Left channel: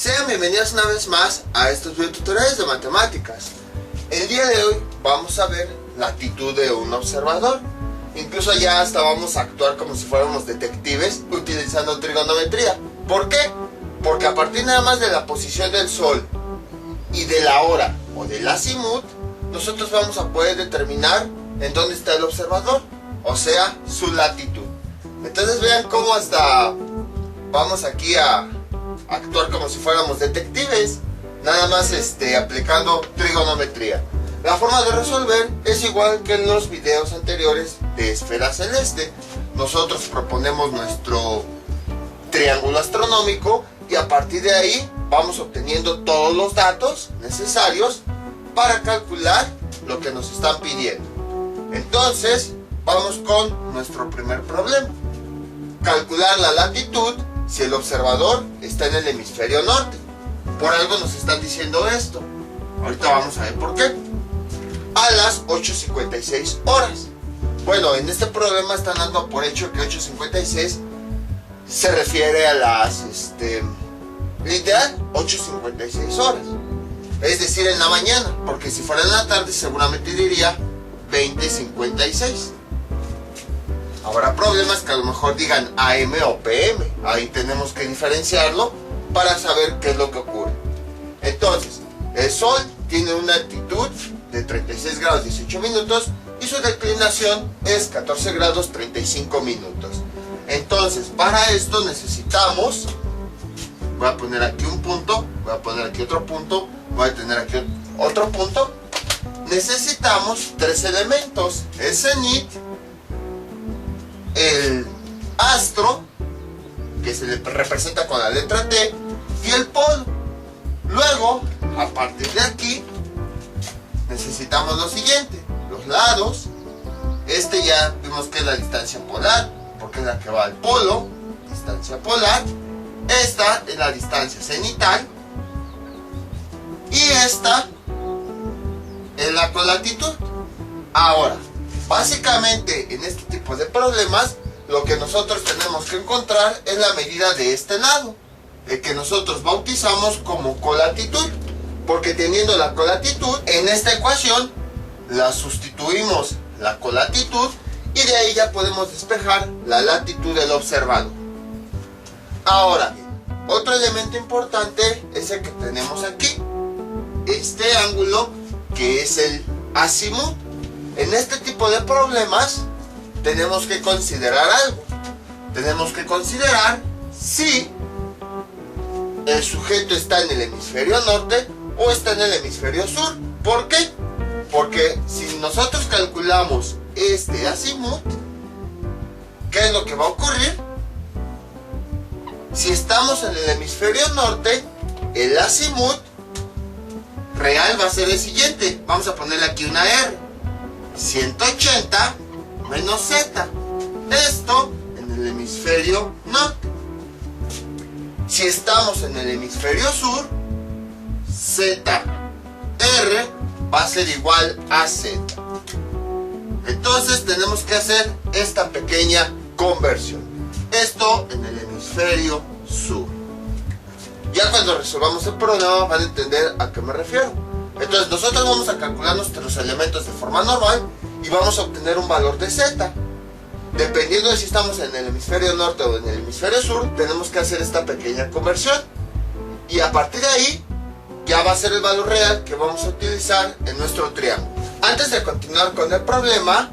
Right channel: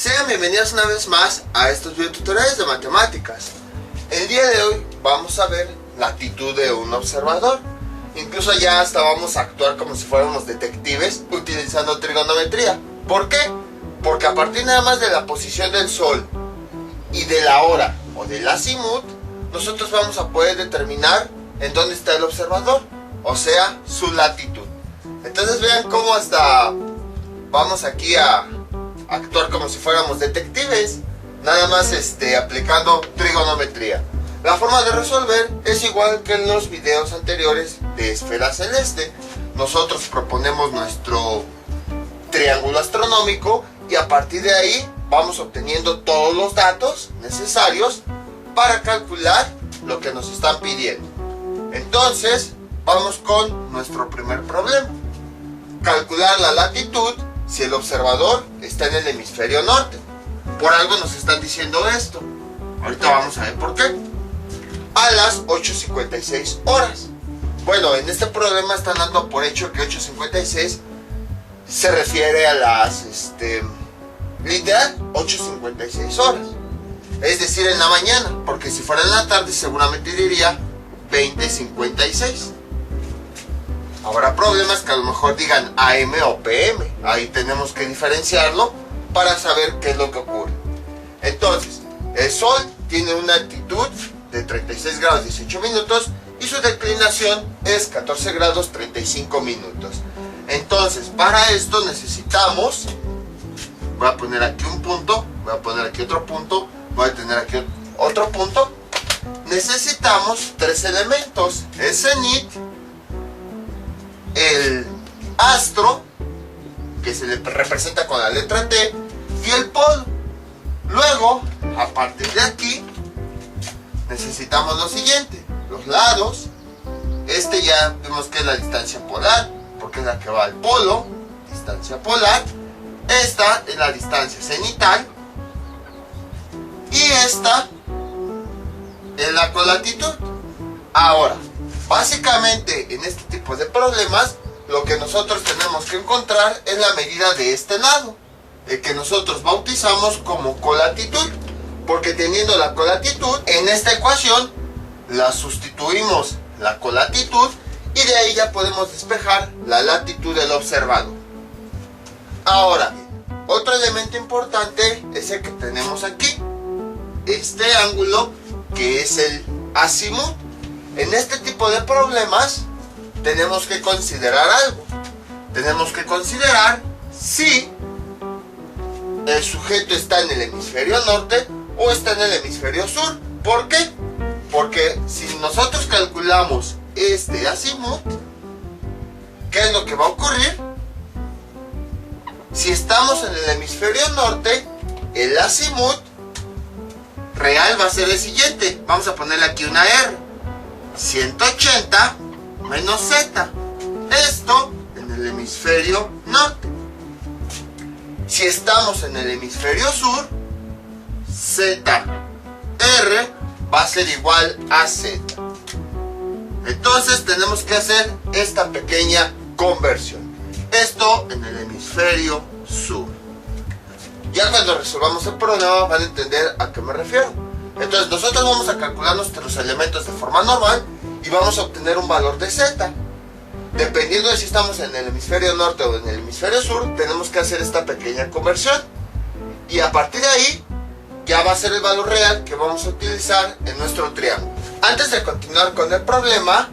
Sean bienvenidos una vez más a estos videotutoriales de matemáticas. El día de hoy vamos a ver la actitud de un observador. Incluso ya hasta vamos a actuar como si fuéramos detectives utilizando trigonometría. ¿Por qué? Porque a partir nada más de la posición del Sol y de la hora o del azimut, nosotros vamos a poder determinar en dónde está el observador, o sea, su latitud. Entonces vean cómo hasta vamos aquí a actuar como si fuéramos detectives, nada más aplicando trigonometría. La forma de resolver es igual que en los videos anteriores de esfera celeste. Nosotros proponemos nuestro triángulo astronómico y a partir de ahí vamos obteniendo todos los datos necesarios para calcular lo que nos están pidiendo. Entonces vamos con nuestro primer problema: calcular la latitud si el observador está en el hemisferio norte. Por algo nos están diciendo esto. Ahorita vamos a ver por qué. A las 8:56 horas. Bueno, en este problema están dando por hecho que 8:56 se refiere a las literal 8:56 horas. Es decir, en la mañana, porque si fuera en la tarde seguramente diría 20:56. Habrá problemas que a lo mejor digan AM o PM. Ahí tenemos que diferenciarlo para saber qué es lo que ocurre. Entonces, el Sol tiene una altitud de 36 grados 18 minutos y su declinación es 14 grados 35 minutos. Entonces, para esto necesitamos, voy a poner aquí un punto, voy a poner aquí otro punto, voy a tener aquí otro punto. Necesitamos tres elementos: el cenit, el astro, que se le representa con la letra T, y el polo. Luego, a partir de aquí, necesitamos lo siguiente: los lados. Ya vimos que es la distancia polar, porque es la que va al polo, distancia polar. Esta es la distancia cenital. Y esta es la colatitud. Ahora, básicamente en este tipo de problemas, lo que nosotros tenemos que encontrar es la medida de este lado, el que nosotros bautizamos como colatitud, porque teniendo la colatitud, en esta ecuación la sustituimos la colatitud y de ahí ya podemos despejar la latitud del observador. Ahora bien, otro elemento importante es el que tenemos aquí, este ángulo que es el azimut. En este tipo de problemas tenemos que considerar algo. Tenemos que considerar si el sujeto está en el hemisferio norte o está en el hemisferio sur. ¿Por qué? Porque si nosotros calculamos este azimut, ¿qué es lo que va a ocurrir? Si estamos en el hemisferio norte, el azimut real va a ser el siguiente. Vamos a ponerle aquí una R: 180 menos Z. Esto en el hemisferio norte. Si estamos en el hemisferio sur, ZR va a ser igual a Z. Entonces tenemos que hacer esta pequeña conversión. Esto en el hemisferio sur. Ya cuando resolvamos el problema van a entender a qué me refiero. Entonces nosotros vamos a calcular nuestros elementos de forma normal y vamos a obtener un valor de Z. Dependiendo de si estamos en el hemisferio norte o en el hemisferio sur, tenemos que hacer esta pequeña conversión. Y a partir de ahí, ya va a ser el valor real que vamos a utilizar en nuestro triángulo. Antes de continuar con el problema,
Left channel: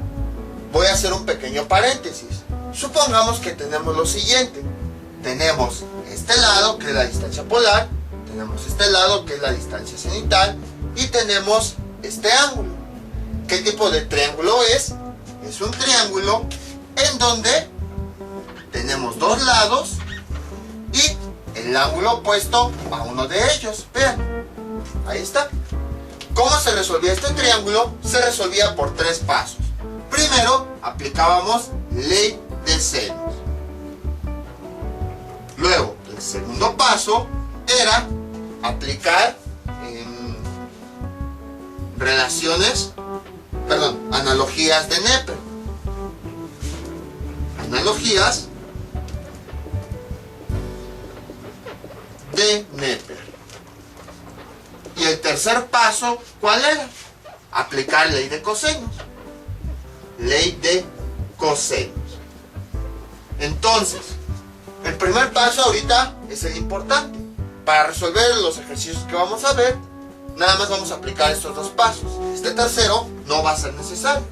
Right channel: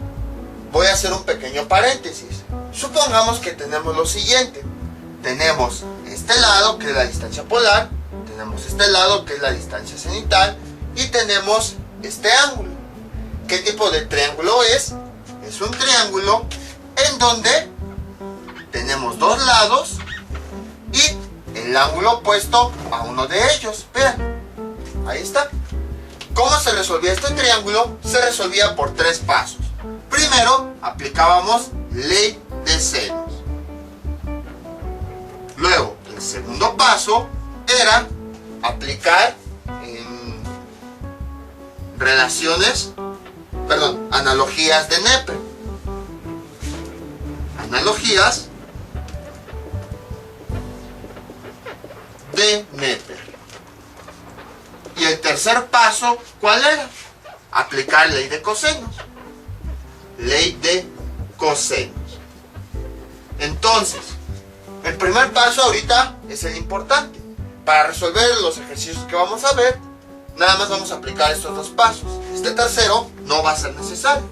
voy a hacer un pequeño paréntesis. Supongamos que tenemos lo siguiente. Tenemos este lado, que es la distancia polar. Tenemos este lado, que es la distancia cenital. Y tenemos este ángulo. ¿Qué tipo de triángulo es? Es un triángulo en donde tenemos dos lados y el ángulo opuesto a uno de ellos. Vean, ahí está. ¿Cómo se resolvía este triángulo? Se resolvía por tres pasos. Primero, aplicábamos ley de senos. Luego, el segundo paso era aplicar analogías de Neper. Analogías de Neper. tercer paso, ¿cuál era? Aplicar ley de cosenos. Ley de cosenos. Entonces, el primer paso ahorita es el importante. Para resolver los ejercicios que vamos a ver, nada más vamos a aplicar estos dos pasos. Este tercero no va a ser necesario.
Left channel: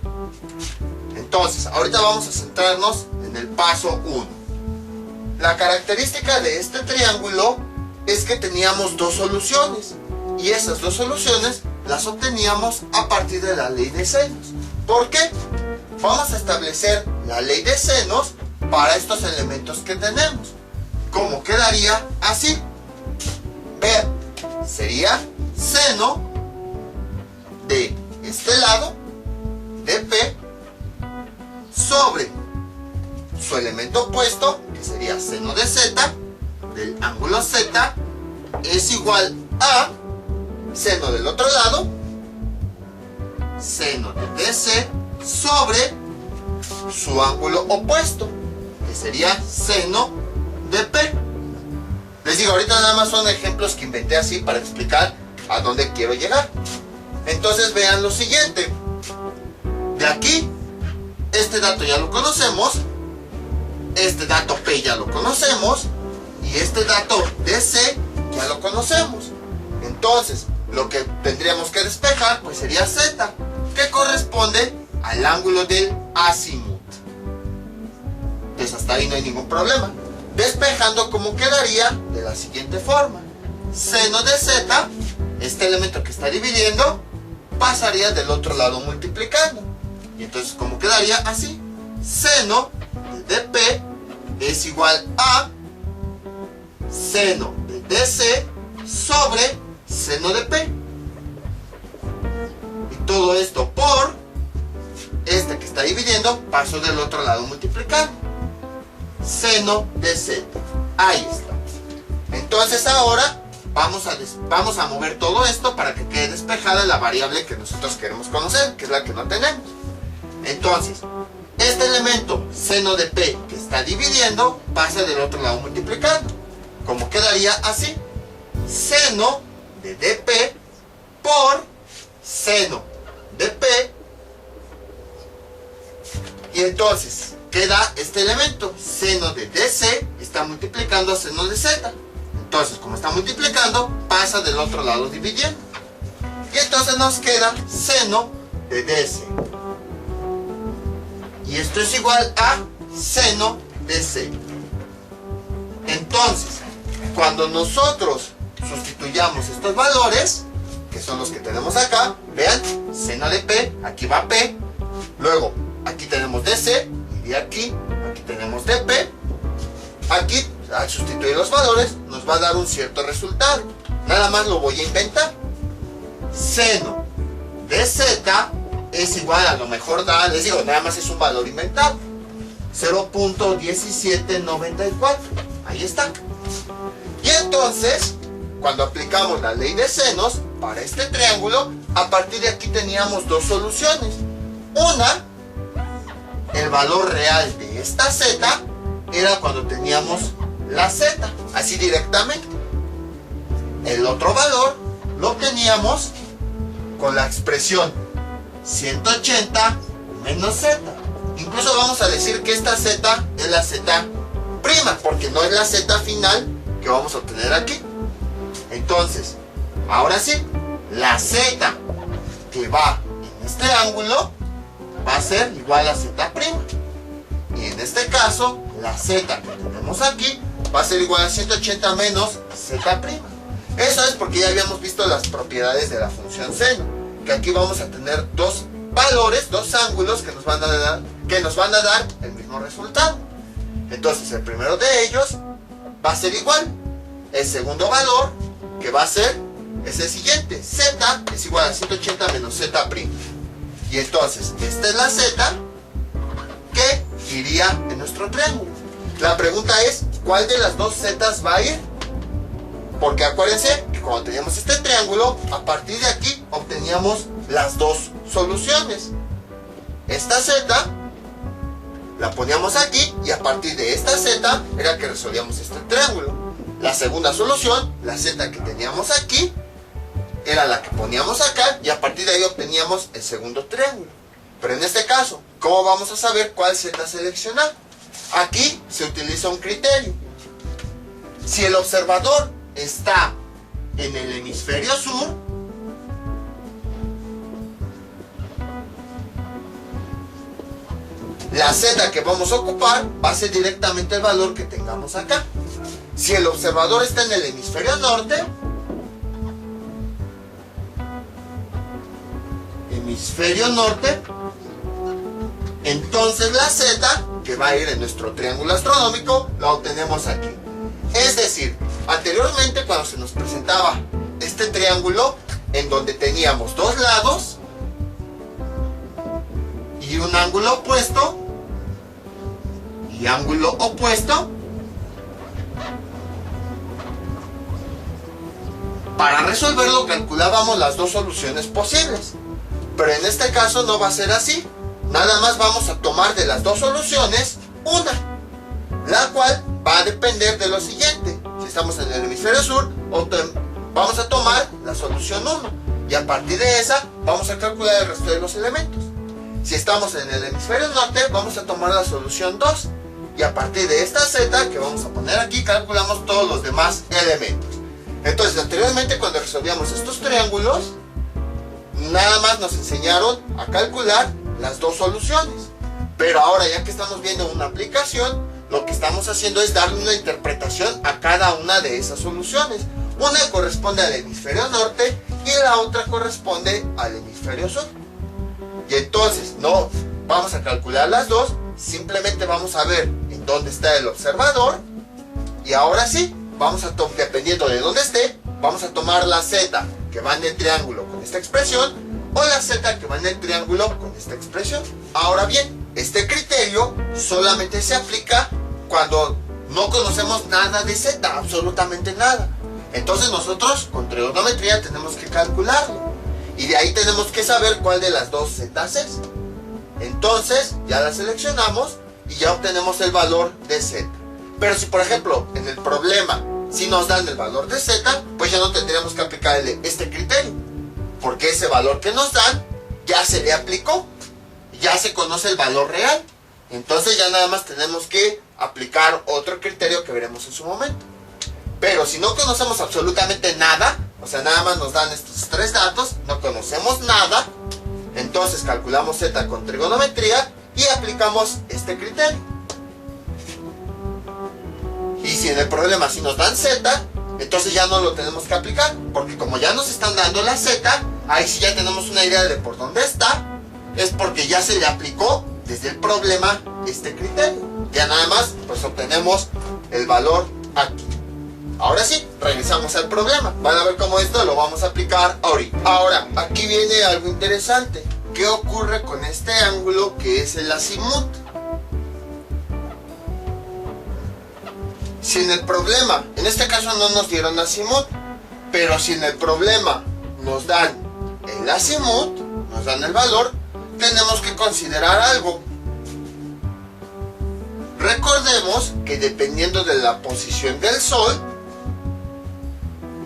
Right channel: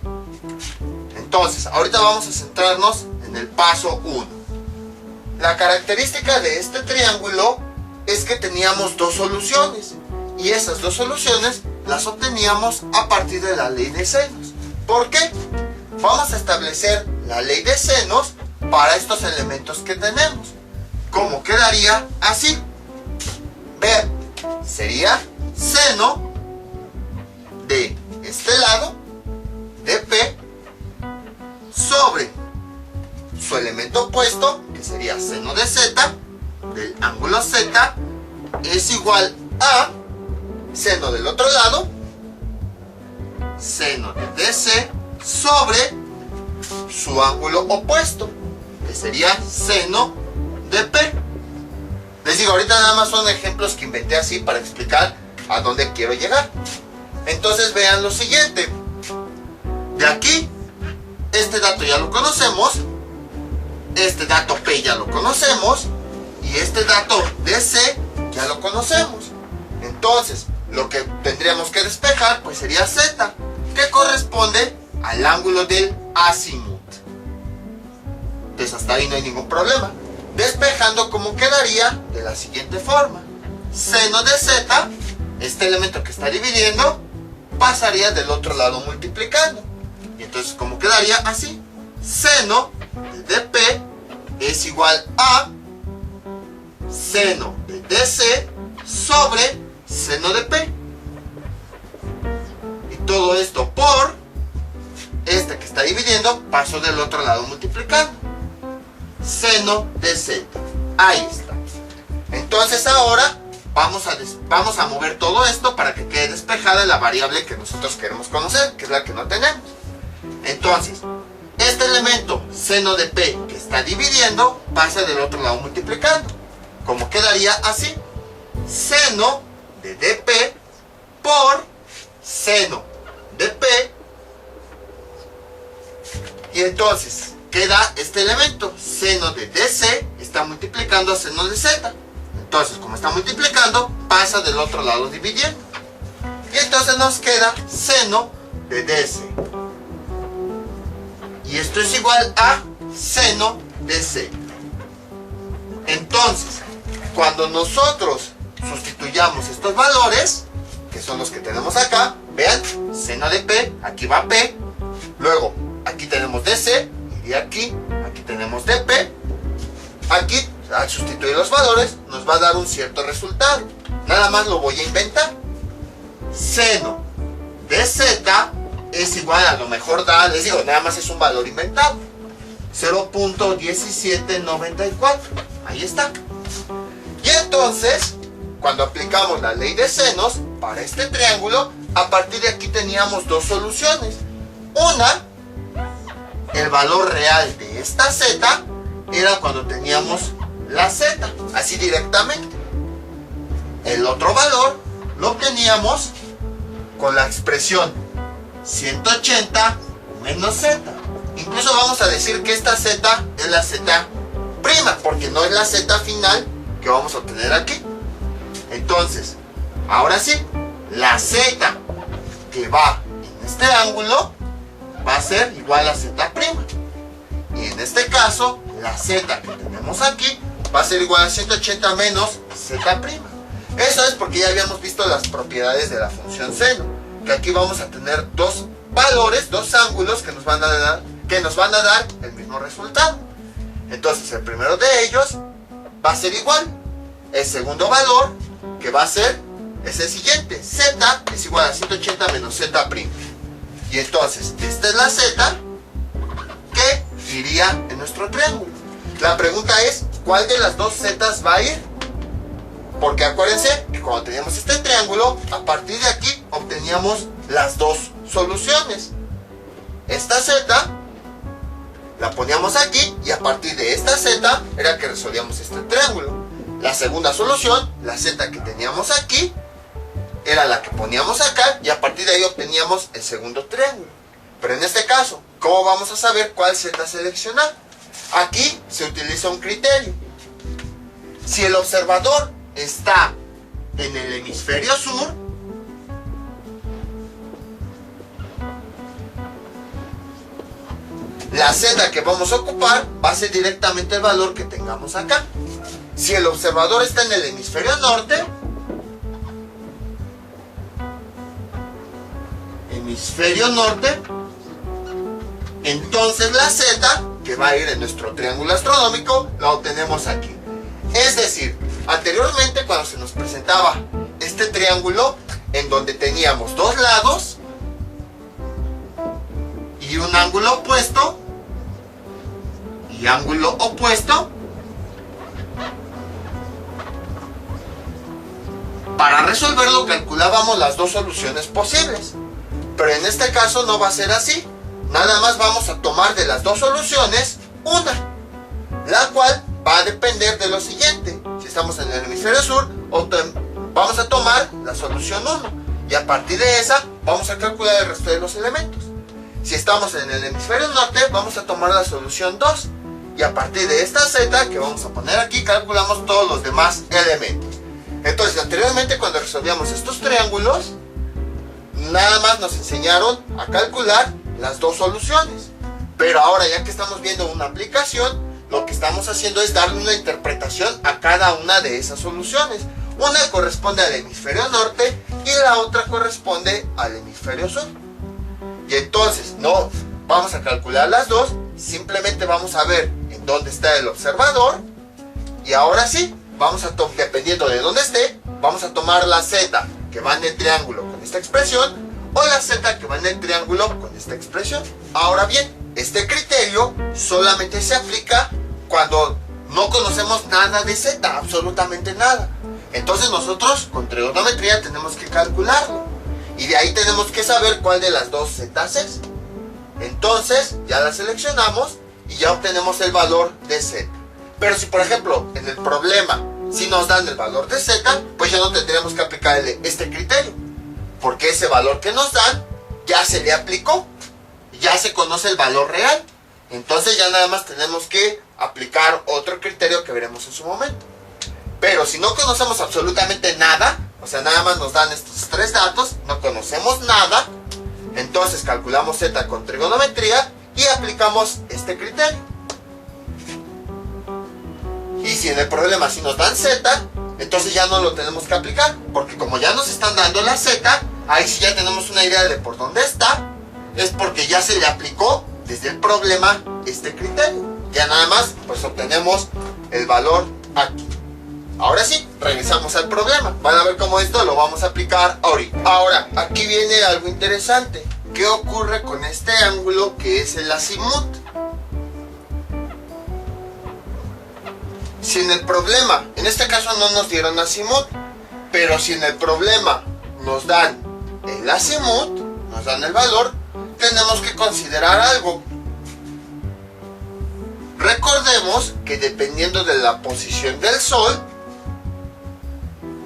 Entonces, ahorita vamos a centrarnos en el paso 1. La característica de este triángulo es que teníamos dos soluciones. Y esas dos soluciones las obteníamos a partir de la ley de senos. ¿Por qué? Vamos a establecer la ley de senos para estos elementos que tenemos. ¿Cómo quedaría? Así. Ver, sería seno de este lado, de P, sobre su elemento opuesto, que sería seno de Z, del ángulo Z, es igual a seno del otro lado, seno de DC, sobre su ángulo opuesto, que sería seno de P. Les digo, ahorita nada más son ejemplos que inventé así para explicar a dónde quiero llegar. Entonces vean lo siguiente. De aquí, este dato ya lo conocemos, este dato P ya lo conocemos, y este dato DC ya lo conocemos. Entonces, lo que tendríamos que despejar pues sería Z, que corresponde al ángulo del azimut. Entonces hasta ahí no hay ningún problema. Despejando, ¿cómo quedaría? De la siguiente forma. Seno de Z, este elemento que está dividiendo, pasaría del otro lado multiplicando. Y entonces, ¿cómo quedaría? Así. Seno de P es igual a seno de DC sobre seno de P. Y todo esto por este que está dividiendo, paso del otro lado multiplicando. Seno de Z. Ahí está. Entonces ahora vamos a mover todo esto para que quede despejada la variable que nosotros queremos conocer, que es la que no tenemos. Entonces, este elemento, seno de P, que está dividiendo, pasa del otro lado multiplicando. ¿Cómo quedaría? Así. Seno de dp por seno de P. Y entonces queda este elemento, seno de DC está multiplicando a seno de Z. Entonces, como está multiplicando, pasa del otro lado dividiendo. Y entonces nos queda seno de DC. Y esto es igual a seno de C. Entonces, cuando nosotros sustituyamos estos valores, que son los que tenemos acá, vean, seno de P, aquí va P, luego aquí tenemos DC, y aquí tenemos dp. Aquí, al sustituir los valores, nos va a dar un cierto resultado. Nada más lo voy a inventar. Seno de Z es igual, a lo mejor da, les digo, nada más es un valor inventado, 0.1794. Ahí está. Y entonces, cuando aplicamos la ley de senos para este triángulo, a partir de aquí teníamos dos soluciones. Una, el valor real de esta Z era cuando teníamos la Z, así directamente. El otro valor lo obteníamos con la expresión 180 menos Z. Incluso vamos a decir que esta Z es la Z prima, porque no es la Z final que vamos a obtener aquí. Entonces, ahora sí, la Z que va en este ángulo va a ser igual a Z prima. Y en este caso, la Z que tenemos aquí va a ser igual a 180 menos Z prima. Eso es porque ya habíamos visto las propiedades de la función seno, que aquí vamos a tener dos valores, dos ángulos que nos van a dar el mismo resultado. Entonces el primero de ellos va a ser igual. El segundo valor que va a ser es el siguiente. Z es igual a 180 menos Z prima. Y entonces esta es la Z que iría en nuestro triángulo. La pregunta es, ¿cuál de las dos Z's va a ir? Porque acuérdense que cuando teníamos este triángulo, a partir de aquí obteníamos las dos soluciones. Esta Z la poníamos aquí y a partir de esta Z era que resolvíamos este triángulo. La segunda solución, la Z que teníamos aquí, era la que poníamos acá y a partir de ahí obteníamos el segundo triángulo. Pero en este caso, ¿cómo vamos a saber cuál Z seleccionar? Aquí se utiliza un criterio. Si el observador está en el hemisferio sur, la Z que vamos a ocupar va a ser directamente el valor que tengamos acá. Si el observador está en el hemisferio norte, entonces la Z que va a ir en nuestro triángulo astronómico la obtenemos aquí. Es decir, anteriormente cuando se nos presentaba este triángulo en donde teníamos dos lados y un ángulo opuesto y ángulo opuesto, para resolverlo calculábamos las dos soluciones posibles. Pero en este caso no va a ser así. Nada más vamos a tomar de las dos soluciones una, la cual va a depender de lo siguiente. Si estamos en el hemisferio sur, vamos a tomar la solución 1 y a partir de esa vamos a calcular el resto de los elementos. Si estamos en el hemisferio norte, vamos a tomar la solución 2 y a partir de esta Z que vamos a poner aquí calculamos todos los demás elementos. Entonces, anteriormente cuando resolvíamos estos triángulos, nada más nos enseñaron a calcular las dos soluciones. Pero ahora, ya que estamos viendo una aplicación, lo que estamos haciendo es darle una interpretación a cada una de esas soluciones. Una corresponde al hemisferio norte y la otra corresponde al hemisferio sur. Y entonces no vamos a calcular las dos, simplemente vamos a ver en dónde está el observador. Y ahora sí, dependiendo de dónde esté, vamos a tomar la Z que va en el triángulo con esta expresión o la Z que va en el triángulo con esta expresión. Ahora bien, este criterio solamente se aplica cuando no conocemos nada de Z, absolutamente nada. Entonces nosotros con trigonometría tenemos que calcularlo y de ahí tenemos que saber cuál de las dos Z's es. Entonces ya la seleccionamos y ya obtenemos el valor de Z. Pero si por ejemplo en el problema si nos dan el valor de Z, pues ya no tendríamos que aplicarle este criterio, porque ese valor que nos dan ya se le aplicó, ya se conoce el valor real. Entonces ya nada más tenemos que aplicar otro criterio que veremos en su momento. Pero si no conocemos absolutamente nada, o sea, nada más nos dan estos tres datos, no conocemos nada, entonces calculamos Z con trigonometría y aplicamos este criterio. Y si en el problema si nos dan Z, entonces ya no lo tenemos que aplicar, porque como ya nos están dando la Z, ahí sí ya tenemos una idea de por dónde está, es porque ya se le aplicó desde el problema este criterio. Ya nada más pues obtenemos el valor aquí. Ahora sí, regresamos al problema. Van a ver cómo esto lo vamos a aplicar ahorita. Ahora, aquí viene algo interesante. ¿Qué ocurre con este ángulo que es el azimut? Si en el problema, en este caso no nos dieron azimut, pero si en el problema nos dan el azimut, nos dan el valor, tenemos que considerar algo. Recordemos que dependiendo de la posición del Sol,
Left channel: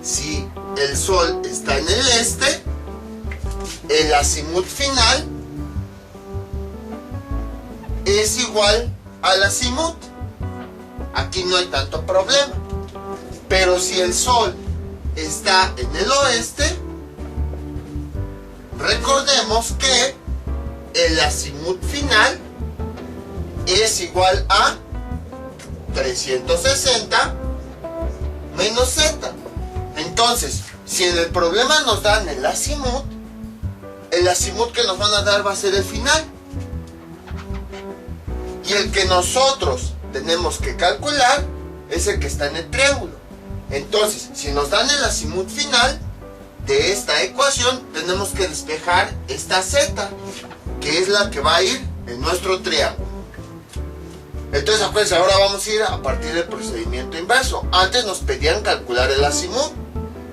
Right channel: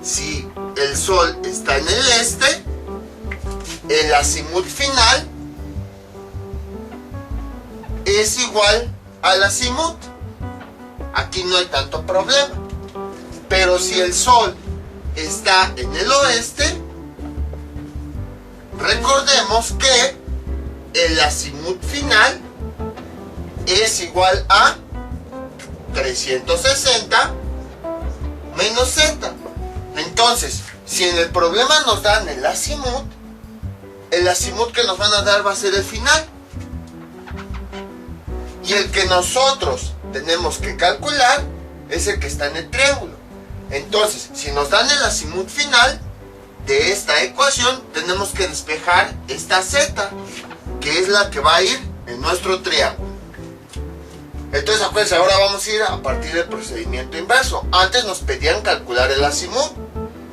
si el Sol está en el este, el azimut final es igual al azimut. Aquí no hay tanto problema. Pero si el Sol está en el oeste, recordemos que el azimut final es igual a 360 menos Z. Entonces, si en el problema nos dan el azimut que nos van a dar va a ser el final. Y el que nosotros tenemos que calcular es el que está en el triángulo. Entonces, si nos dan el azimut final de esta ecuación, tenemos que despejar esta Z, que es la que va a ir en nuestro triángulo. Entonces, acuérdense, ahora vamos a ir a partir del procedimiento inverso. Antes nos pedían calcular el azimut.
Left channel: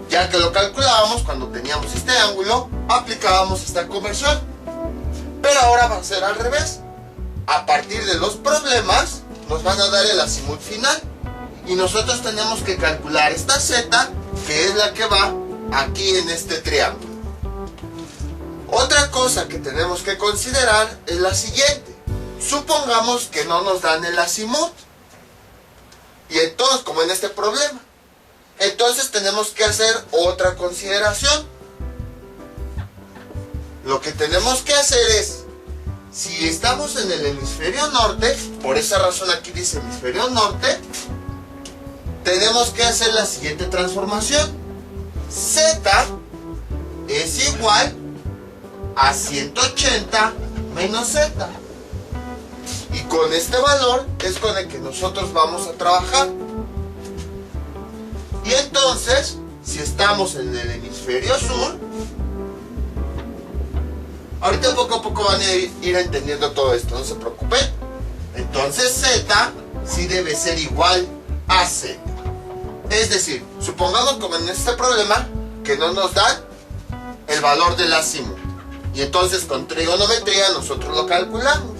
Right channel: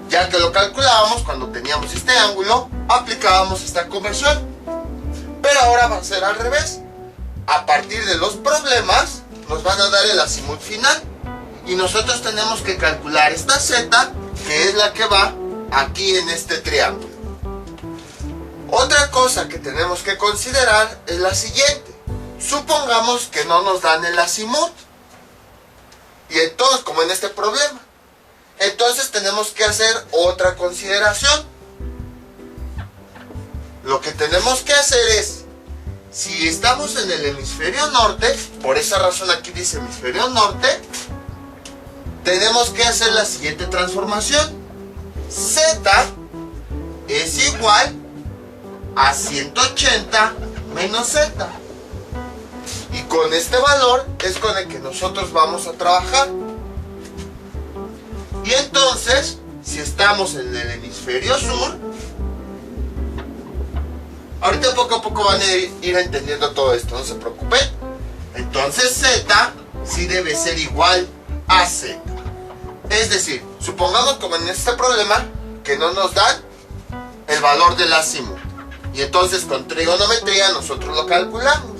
Ya que lo calculábamos cuando teníamos este ángulo, aplicábamos esta conversión. Pero ahora va a ser al revés. A partir de los problemas, nos van a dar el azimut final. Y nosotros tenemos que calcular esta Z, que es la que va aquí en este triángulo. Otra cosa que tenemos que considerar es la siguiente. Supongamos que no nos dan el azimut. Y entonces, como en este problema, entonces tenemos que hacer otra consideración. Lo que tenemos que hacer es, si estamos en el hemisferio norte, por esa razón aquí dice hemisferio norte, tenemos que hacer la siguiente transformación. Z es igual a 180 menos Z. Y con este valor es con el que nosotros vamos a trabajar. Y entonces, si estamos en el hemisferio sur, ahorita poco a poco van a ir entendiendo todo esto, no se preocupen. Entonces Z sí debe ser igual a Z. Es decir, supongamos como en este problema que no nos dan el valor del azimut. Y entonces con trigonometría nosotros lo calculamos.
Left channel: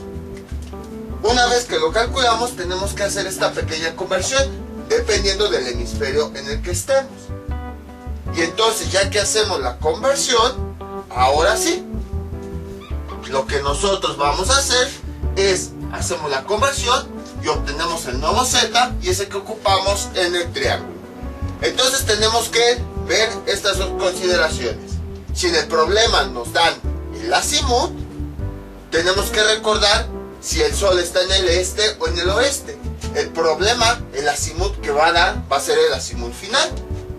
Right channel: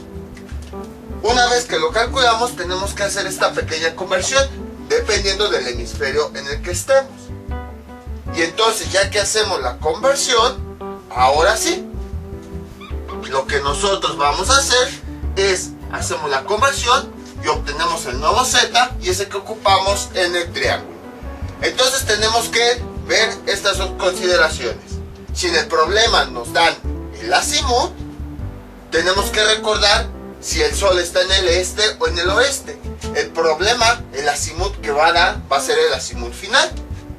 Una vez que lo calculamos tenemos que hacer esta pequeña conversión dependiendo del hemisferio en el que estemos. Y entonces ya que hacemos la conversión, ahora sí, lo que nosotros vamos a hacer es hacemos la conversión y obtenemos el nuevo Z y ese que ocupamos en el triángulo. Entonces tenemos que ver estas dos consideraciones. Si en el problema nos dan el azimut, tenemos que recordar si el sol está en el este o en el oeste. El problema, el azimut que va a dar va a ser el azimut final.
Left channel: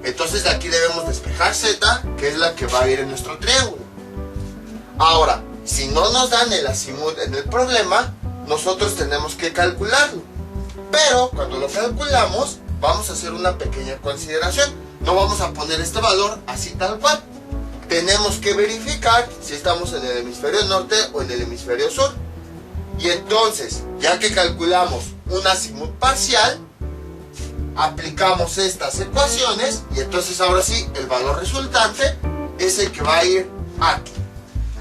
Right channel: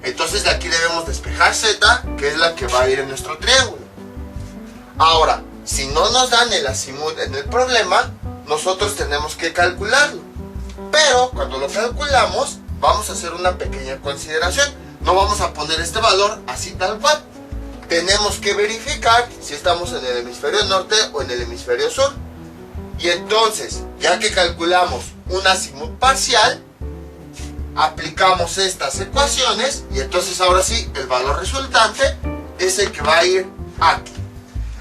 Entonces de aquí debemos despejar Z, que es la que va a ir en nuestro triángulo. Ahora, si no nos dan el azimut en el problema, nosotros tenemos que calcularlo. Pero cuando lo calculamos, vamos a hacer una pequeña consideración. No vamos a poner este valor así tal cual. Tenemos que verificar si estamos en el hemisferio norte o en el hemisferio sur. Y entonces, ya que calculamos un azimut parcial, aplicamos estas ecuaciones y entonces ahora sí, el valor resultante es el que va a ir aquí.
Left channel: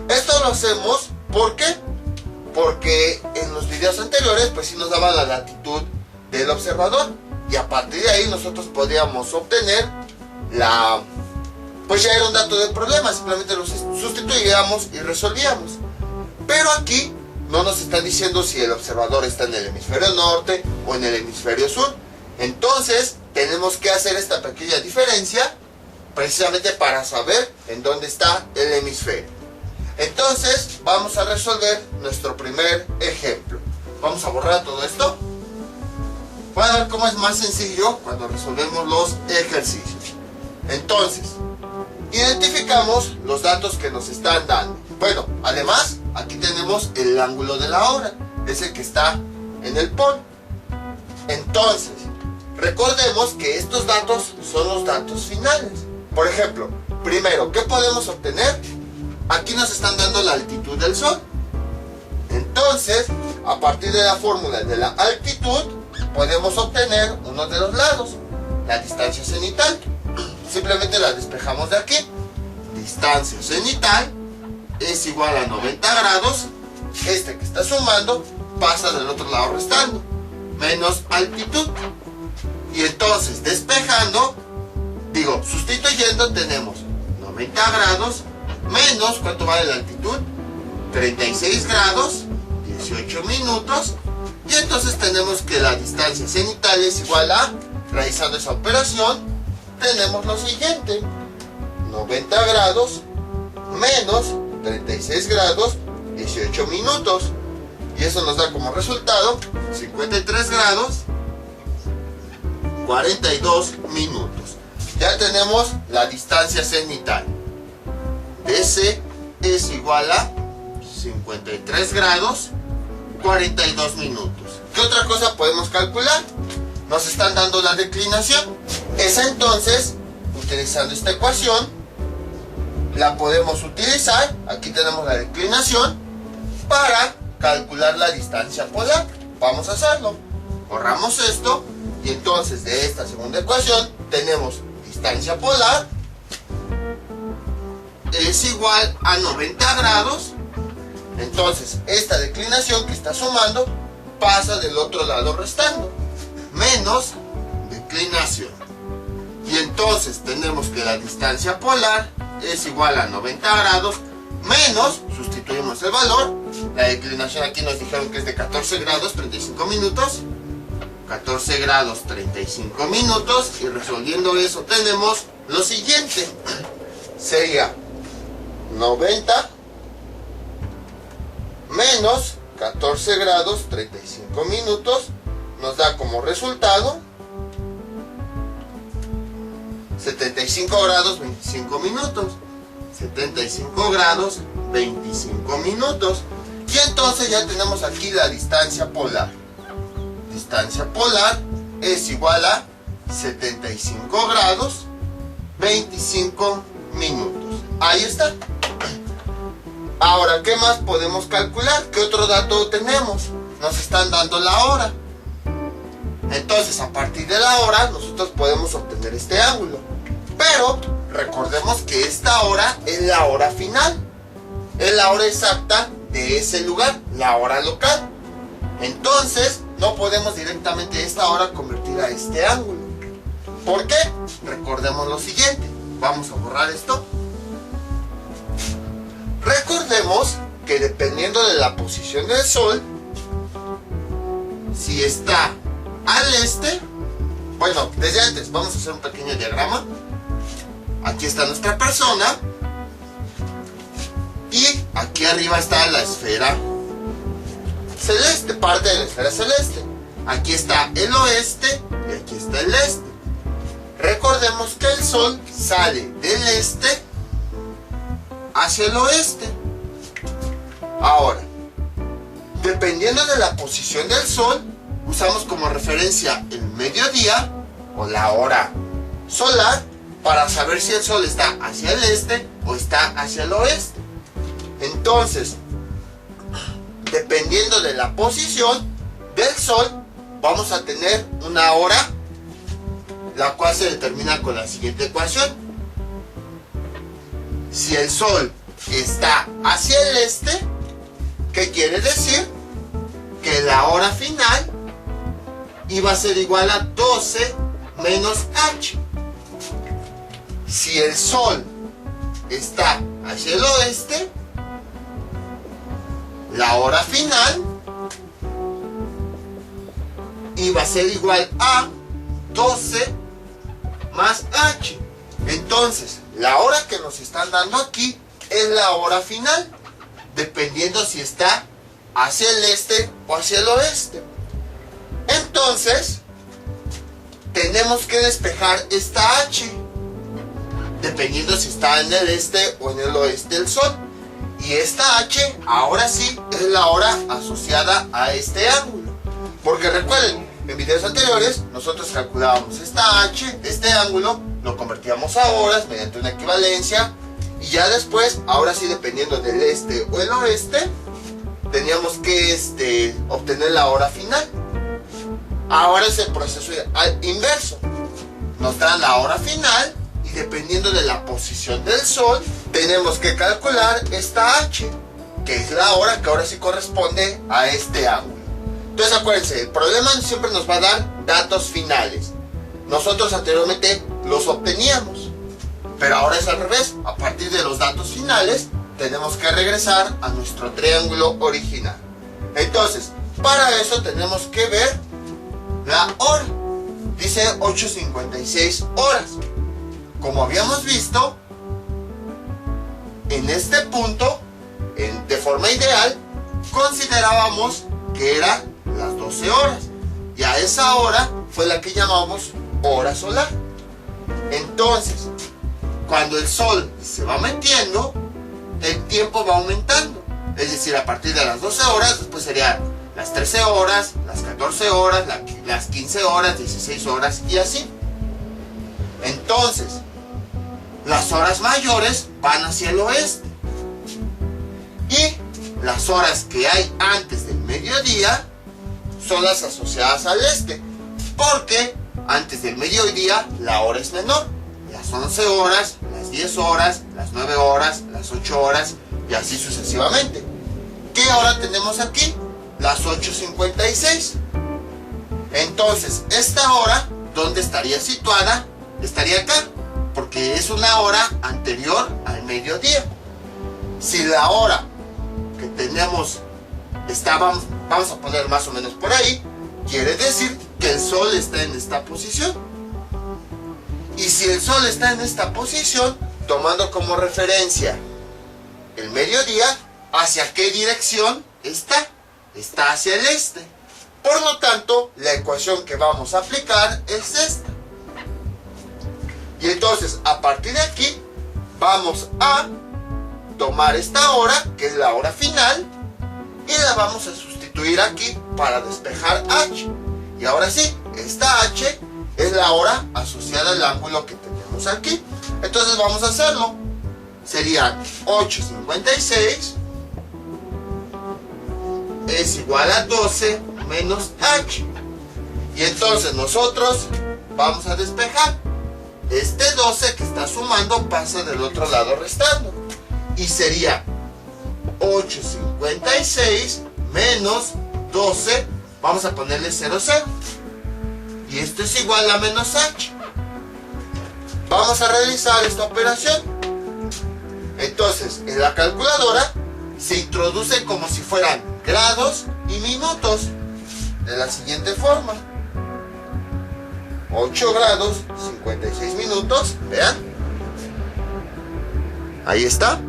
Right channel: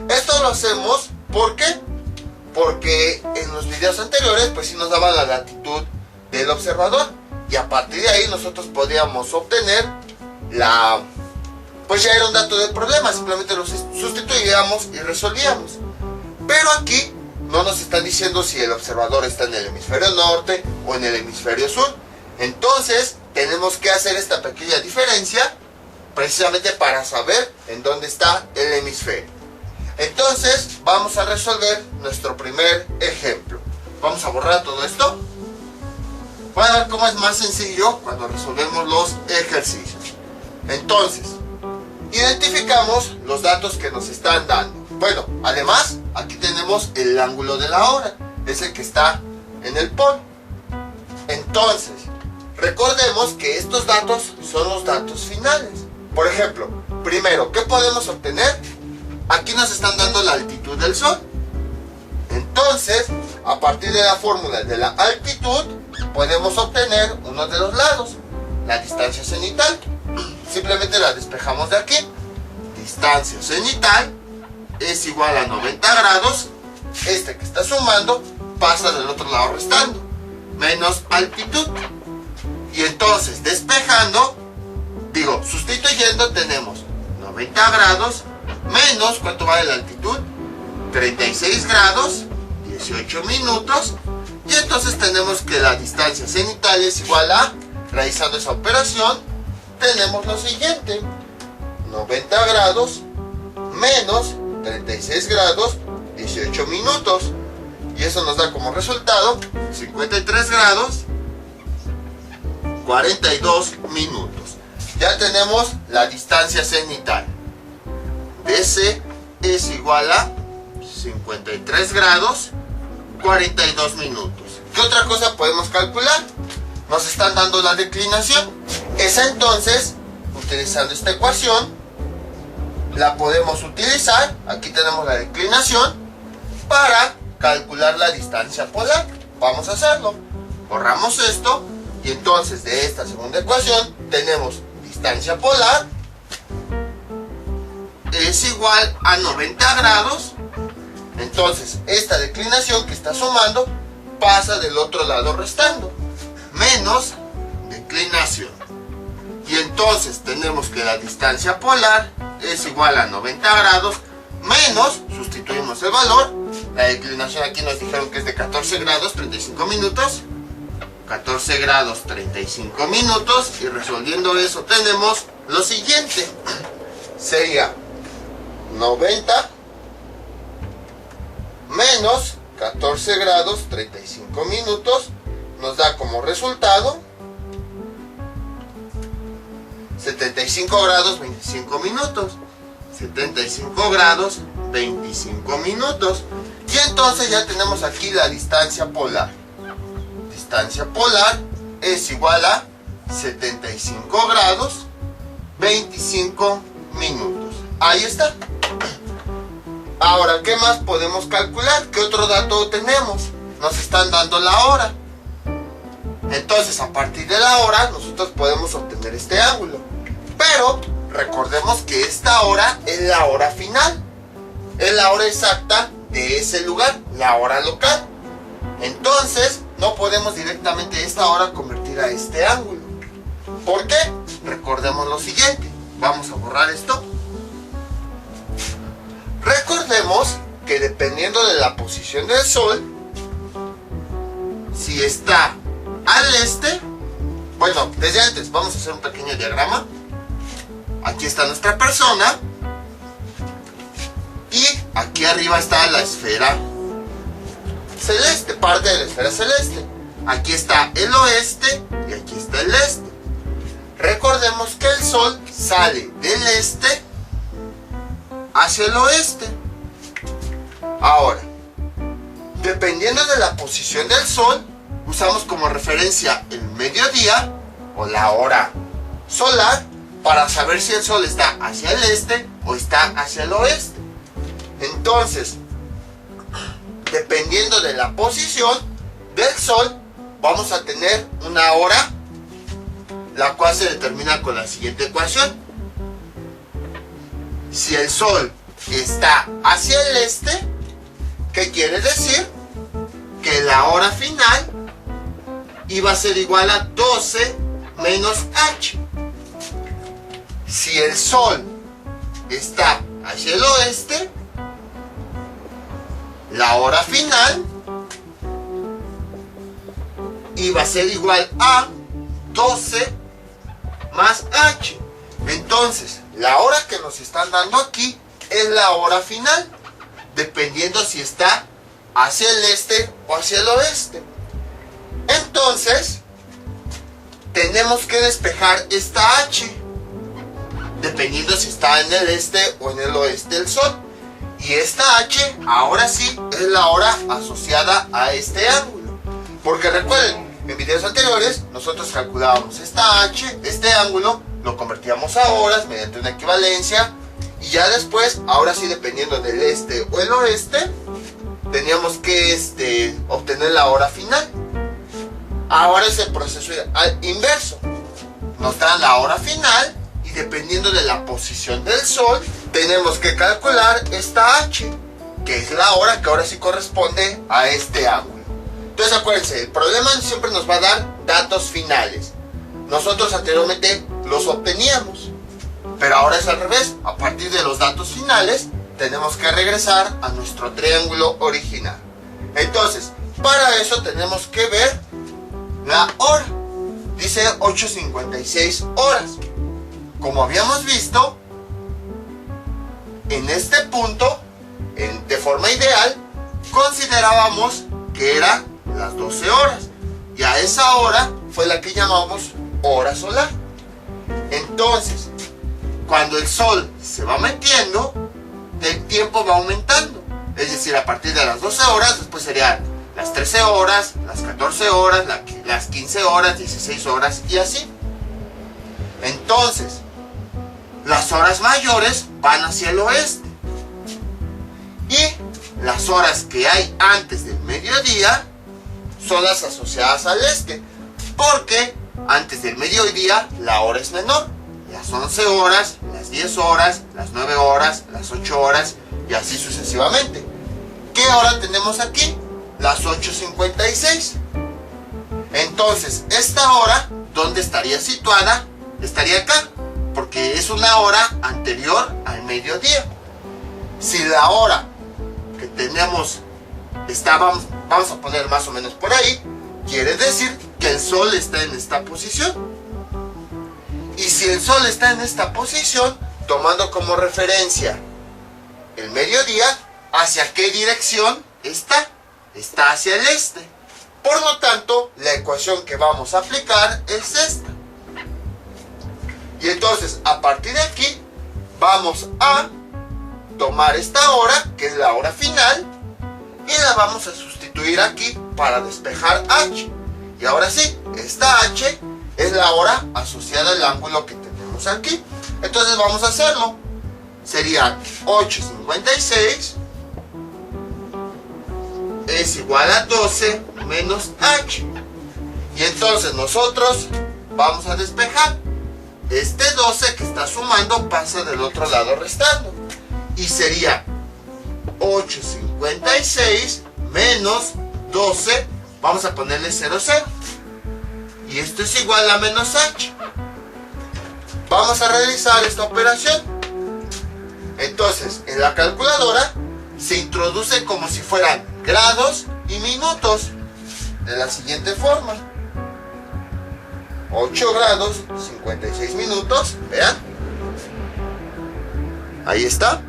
Esto lo hacemos, ¿por qué? Porque en los videos anteriores pues sí nos daba la latitud del observador y a partir de ahí nosotros podíamos obtener pues ya era un dato del problema, simplemente lo sustituíamos y resolvíamos. Pero aquí no nos están diciendo si el observador está en el hemisferio norte o en el hemisferio sur. Entonces tenemos que hacer esta pequeña diferencia precisamente para saber en dónde está el hemisferio. Entonces vamos a resolver nuestro primer ejemplo. Vamos a borrar todo esto. Van a ver cómo es más sencillo cuando resolvemos los ejercicios. Entonces, identificamos los datos que nos están dando. Bueno, además, aquí tenemos el ángulo de la hora, es el que está en el polo. Entonces, recordemos que estos datos son los datos finales. Por ejemplo, primero, ¿qué podemos obtener? Aquí nos están dando la altitud del Sol. Entonces, a partir de la fórmula de la altitud, podemos obtener uno de los lados, la distancia cenital. Simplemente la despejamos de aquí. Distancia cenital es igual a 90 grados. Este que está sumando pasa del otro lado restando, menos altitud. Y entonces despejando, sustituyendo, tenemos 90 grados menos, ¿cuánto vale la altitud? 36 grados, 18 minutos. Y entonces tenemos que la distancia cenital es igual a, realizando esa operación, tenemos lo siguiente: 90 grados menos 36 grados, 18 minutos. Y eso nos da como resultado 53 grados, 42 minutos. Ya tenemos la distancia cenital. DC es igual a 53 grados, 42 minutos. ¿Qué otra cosa podemos calcular? Nos están dando la declinación. Esa entonces, utilizando esta ecuación, la podemos utilizar. Aquí tenemos la declinación para calcular la distancia polar. Vamos a hacerlo. Borramos esto y entonces de esta segunda ecuación tenemos distancia polar es igual a 90 grados. Entonces esta declinación que está sumando pasa del otro lado restando, menos declinación. Y entonces tenemos que la distancia polar es igual a 90 grados menos, sustituimos el valor, la declinación aquí nos dijeron que es de 14 grados 35 minutos, 14 grados 35 minutos, y resolviendo eso tenemos lo siguiente, sería 90 menos 14 grados 35 minutos, nos da como resultado 75 grados 25 minutos. 75 grados 25 minutos. Y entonces ya tenemos aquí la distancia polar. Distancia polar es igual a 75 grados 25 minutos. Ahí está. Ahora, ¿qué más podemos calcular? ¿Qué otro dato tenemos? Nos están dando la hora. Entonces, a partir de la hora, nosotros podemos obtener este ángulo. Pero recordemos que esta hora es la hora final. Es la hora exacta de ese lugar, la hora local. Entonces, no podemos directamente esta hora convertir a este ángulo. ¿Por qué? Recordemos lo siguiente. Vamos a borrar esto. Recordemos que dependiendo de la posición del Sol, si está al este, bueno, desde antes vamos a hacer un pequeño diagrama. Aquí está nuestra persona y aquí arriba está la esfera celeste, parte de la esfera celeste. Aquí está el oeste y aquí está el este. Recordemos que el Sol sale del este hacia el oeste. Ahora, dependiendo de la posición del Sol, usamos como referencia el mediodía o la hora solar para saber si el Sol está hacia el este o está hacia el oeste. Entonces, dependiendo de la posición del Sol, vamos a tener una hora, la cual se determina con la siguiente ecuación. Si el Sol está hacia el este, ¿qué quiere decir? Que la hora final iba a ser igual a 12 menos h. Si el Sol está hacia el oeste, la hora final iba a ser igual a 12 más h. Entonces, la hora que nos están dando aquí es la hora final, dependiendo si está hacia el este o hacia el oeste. Entonces, tenemos que despejar esta h, dependiendo si está en el este o en el oeste del Sol. Y esta h, ahora sí, es la hora asociada a este ángulo. Porque recuerden, en videos anteriores, nosotros calculábamos esta h, este ángulo, lo convertíamos a horas mediante una equivalencia. Y ya después, ahora sí, dependiendo del este o el oeste, teníamos que obtener la hora final. Ahora es el proceso inverso. Nos dan la hora final y dependiendo de la posición del Sol, tenemos que calcular esta h, que es la hora que ahora sí corresponde a este ángulo. Entonces acuérdense, el problema siempre nos va a dar datos finales. Nosotros anteriormente los obteníamos, pero ahora es al revés. A partir de los datos finales, tenemos que regresar a nuestro triángulo original. Entonces, para eso tenemos que ver la hora. Dice 8:56 horas. Como habíamos visto, en este punto, de forma ideal, considerábamos que eran las 12 horas. Y a esa hora fue la que llamamos hora solar. Entonces, cuando el Sol se va metiendo, el tiempo va aumentando. Es decir, a partir de las 12 horas, después serían las 13 horas, las 14 horas, las 15 horas, 16 horas y así. Entonces, las horas mayores van hacia el oeste. Y las horas que hay antes del mediodía son las asociadas al este. Porque antes del mediodía la hora es menor. Las 11 horas, las 10 horas, las 9 horas, las 8 horas y así sucesivamente. ¿Qué hora tenemos aquí? Las 8:56. Entonces, esta hora, ¿dónde estaría situada? estaría acá, porque es una hora anterior al mediodía. Si la hora que tenemos vamos a poner más o menos por ahí, quiere decir que el sol está en esta posición. Y si el sol está en esta posición, tomando como referencia el mediodía, ¿hacia qué dirección está? Está hacia el este. Por lo tanto, la ecuación que vamos a aplicar es esta. Y entonces, a partir de aquí, vamos a tomar esta hora, que es la hora final, y la vamos a sustituir aquí para despejar h. Y ahora sí, esta h es la hora asociada al ángulo que tenemos aquí. Entonces vamos a hacerlo. Sería 8:56 es igual a 12 menos h. Y entonces nosotros vamos a despejar. Este 12 que está sumando pasa del otro lado restando. Y sería 8:56 menos 12. Vamos a ponerle 0, 0. Y esto es igual a menos h. Vamos a realizar esta operación. Entonces, en la calculadora se introduce como si fueran grados y minutos. De la siguiente forma. 8 grados, 56 minutos. Vean. Ahí está.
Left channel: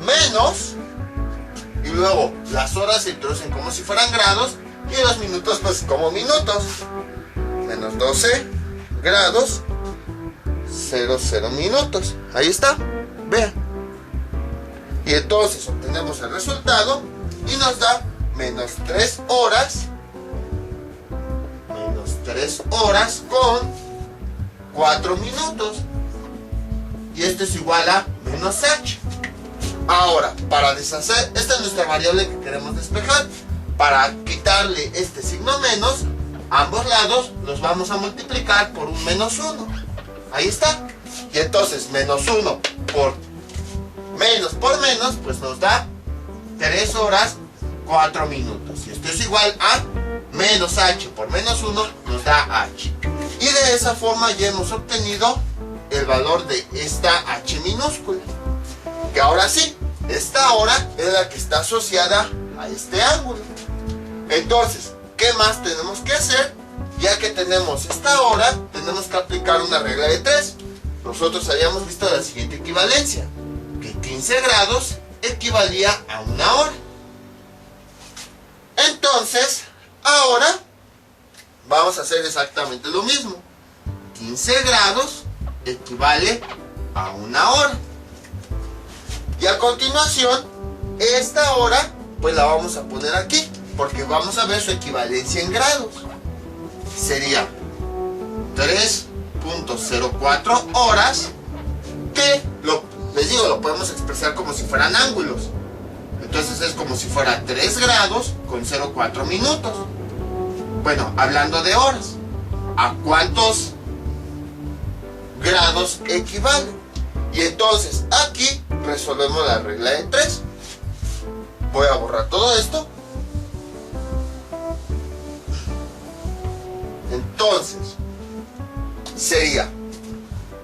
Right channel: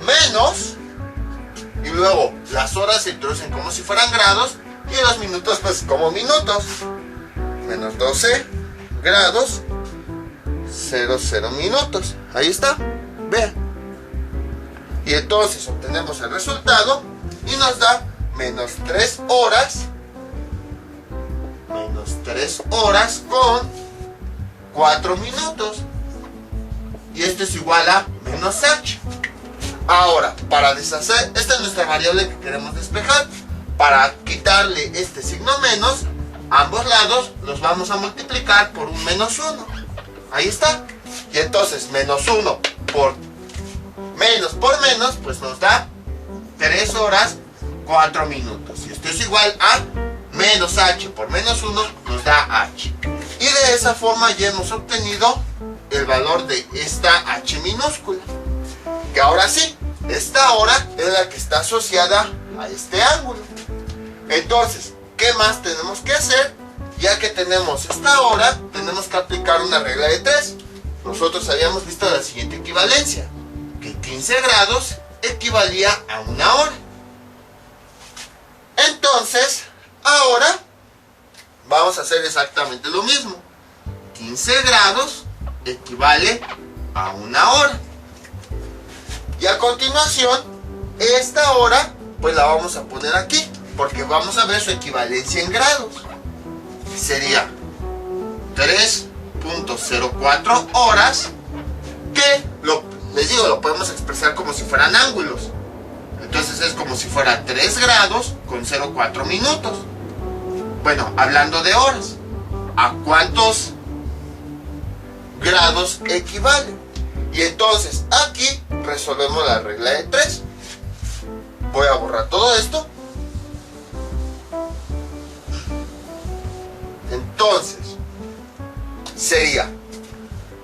Menos. Y luego las horas se introducen como si fueran grados. Y los minutos pues como minutos. Menos 12 grados, 0, 0 minutos. Ahí está. Vean. Y entonces obtenemos el resultado y nos da menos 3 horas. Menos 3 horas con 4 minutos. Y esto es igual a menos h. Ahora, para deshacer, esta es nuestra variable que queremos despejar. Para quitarle este signo menos, ambos lados los vamos a multiplicar por un menos 1. Ahí está. Y entonces menos 1 por menos, pues nos da 3 horas 4 minutos. Y esto es igual a menos h por menos 1 nos da h. Y de esa forma ya hemos obtenido el valor de esta h minúscula. Que ahora sí, esta hora es la que está asociada a este ángulo. Entonces, ¿qué más tenemos que hacer? Ya que tenemos esta hora, tenemos que aplicar una regla de 3. Nosotros habíamos visto la siguiente equivalencia, que 15 grados equivalía a una hora. Entonces, ahora vamos a hacer exactamente lo mismo. 15 grados equivale a una hora. Y a continuación, esta hora, pues la vamos a poner aquí, porque vamos a ver su equivalencia en grados. Sería 3.04 horas, que les digo, lo podemos expresar como si fueran ángulos. Entonces es como si fuera 3 grados con 0,4 minutos. Bueno, hablando de horas, ¿a cuántos grados equivale? Y entonces aquí resolvemos la regla de 3. Voy a borrar todo esto. Entonces sería,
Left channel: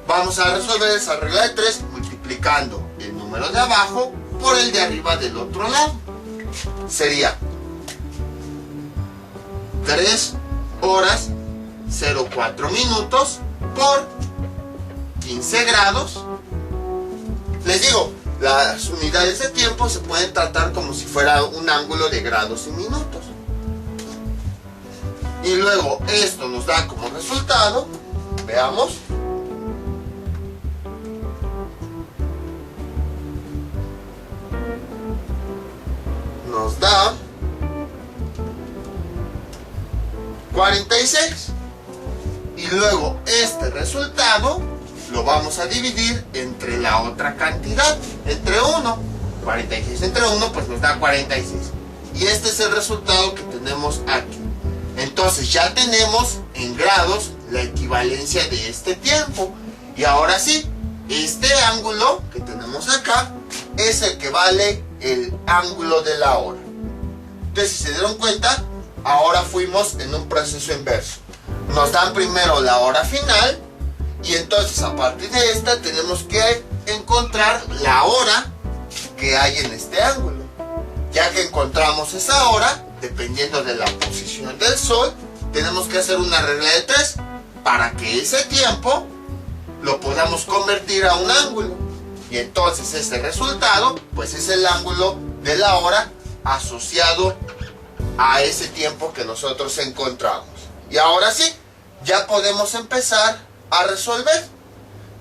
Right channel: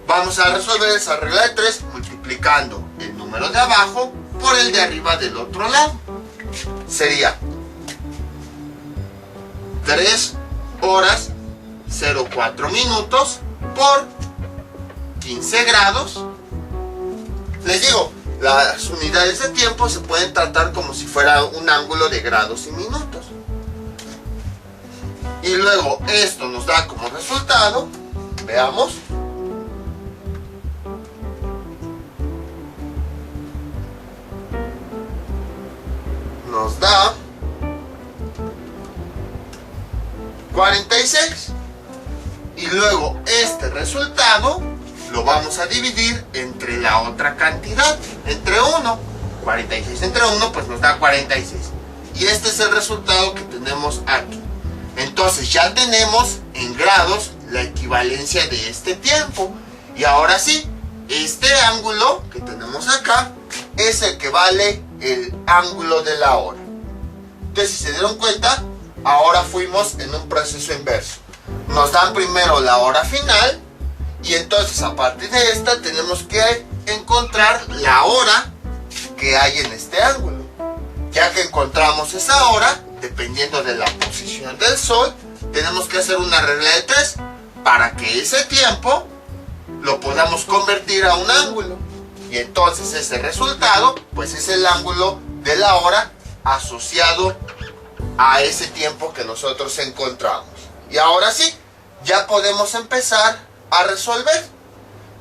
vamos a resolver esa regla de 3 multiplicando el número de abajo por el de arriba del otro lado. Sería 3 horas 0,4 minutos por 15 grados. Les digo, las unidades de tiempo se pueden tratar como si fuera un ángulo de grados y minutos. Y luego esto nos da como resultado, veamos, nos da 46. Y luego este resultado lo vamos a dividir entre la otra cantidad, entre 1. 46 entre 1 pues nos da 46. Y este es el resultado que tenemos aquí. Entonces ya tenemos en grados la equivalencia de este tiempo. Y ahora sí, este ángulo que tenemos acá es el que vale el ángulo de la hora. Entonces, si se dieron cuenta, ahora fuimos en un proceso inverso. Nos dan primero la hora final Y entonces a partir de esta tenemos que encontrar la hora que hay en este ángulo. Ya que encontramos esa hora, dependiendo de la posición del Sol, tenemos que hacer una regla de 3 para que ese tiempo lo podamos convertir a un ángulo. Y entonces ese resultado, pues es el ángulo de la hora asociado a ese tiempo que nosotros encontramos. Y ahora sí, ya podemos empezar a resolver.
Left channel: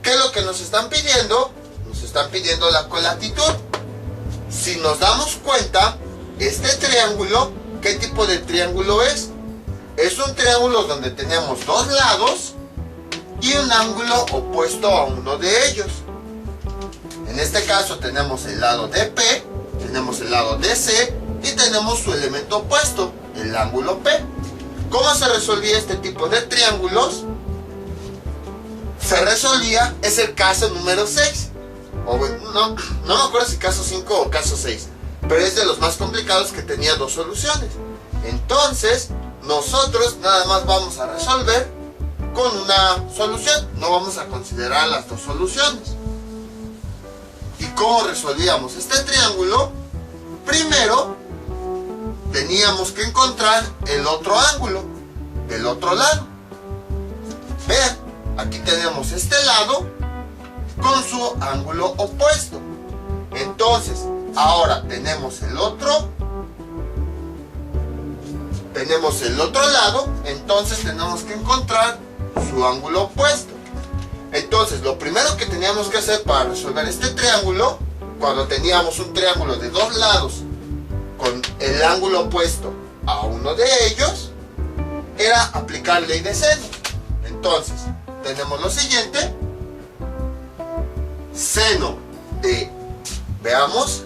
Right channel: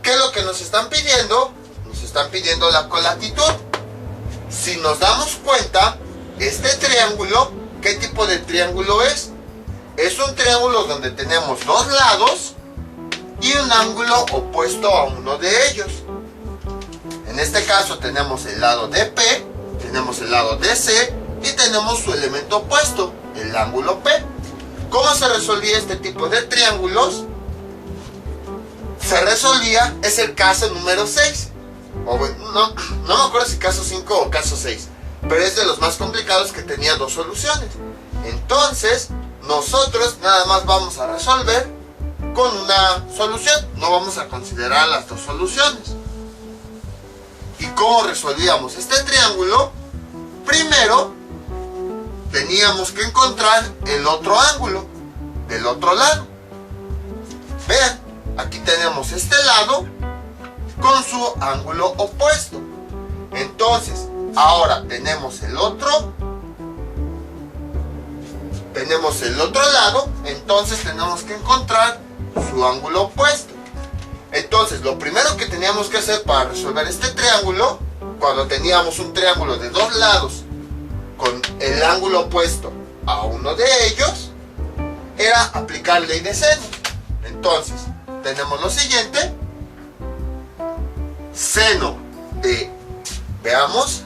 ¿Qué es lo que nos están pidiendo? Nos están pidiendo la colatitud. Si nos damos cuenta, este triángulo, ¿qué tipo de triángulo es? Es un triángulo donde tenemos dos lados y un ángulo opuesto a uno de ellos. En este caso tenemos el lado de P, tenemos el lado de C y tenemos su elemento opuesto, el ángulo P. ¿Cómo se resolvía este tipo de triángulos? Se resolvía, es el caso número 6. O no me acuerdo si caso 5 o caso 6, pero es de los más complicados que tenía dos soluciones. Entonces, nosotros nada más vamos a resolver con una solución, no vamos a considerar las dos soluciones. ¿Y cómo resolvíamos este triángulo? Primero, teníamos que encontrar el otro ángulo del otro lado. Vean, aquí tenemos este lado con su ángulo opuesto. Entonces, ahora tenemos el otro lado, entonces tenemos que encontrar su ángulo opuesto. Entonces, lo primero que teníamos que hacer para resolver este triángulo, cuando teníamos un triángulo de dos lados con el ángulo opuesto a uno de ellos, era aplicar ley de seno. Entonces, tenemos lo siguiente: seno de, veamos,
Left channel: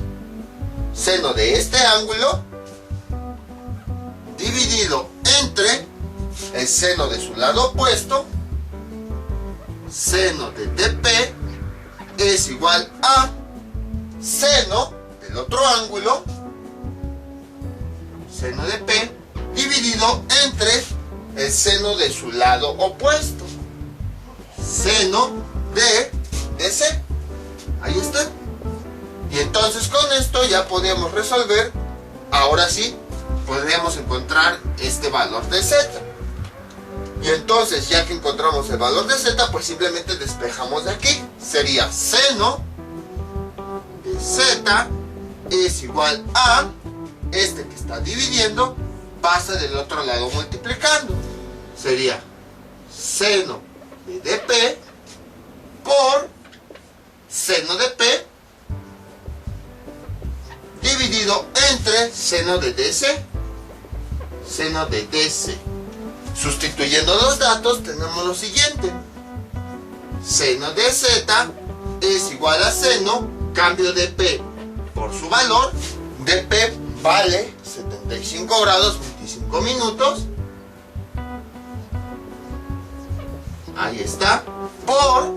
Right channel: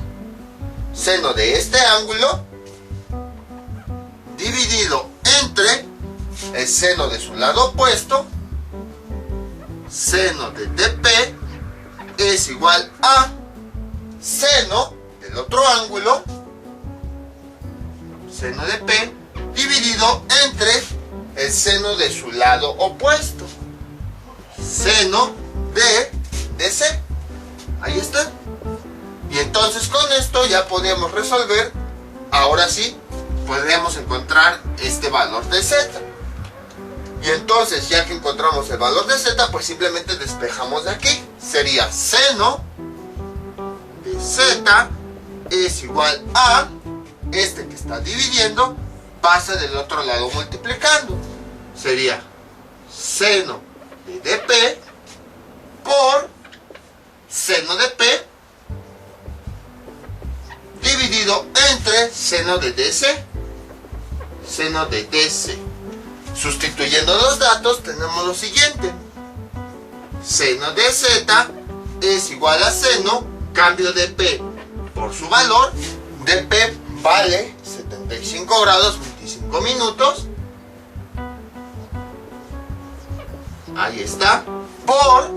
seno de este ángulo dividido entre el seno de su lado opuesto, seno de DP es igual a seno del otro ángulo, seno de P, dividido entre el seno de su lado opuesto, seno de DC. Ahí está. Y entonces con esto ya podemos resolver. Ahora sí, podríamos encontrar este valor de Z. Y entonces, ya que encontramos el valor de Z, pues simplemente despejamos de aquí. Sería seno de Z es igual a este que está dividiendo, pasa del otro lado multiplicando. Sería seno de DP por seno de P dividido entre seno de DC. Seno de DC. Sustituyendo los datos tenemos lo siguiente: seno de Z es igual a seno, cambio de P por su valor, de P vale 75 grados 25 minutos, ahí está, por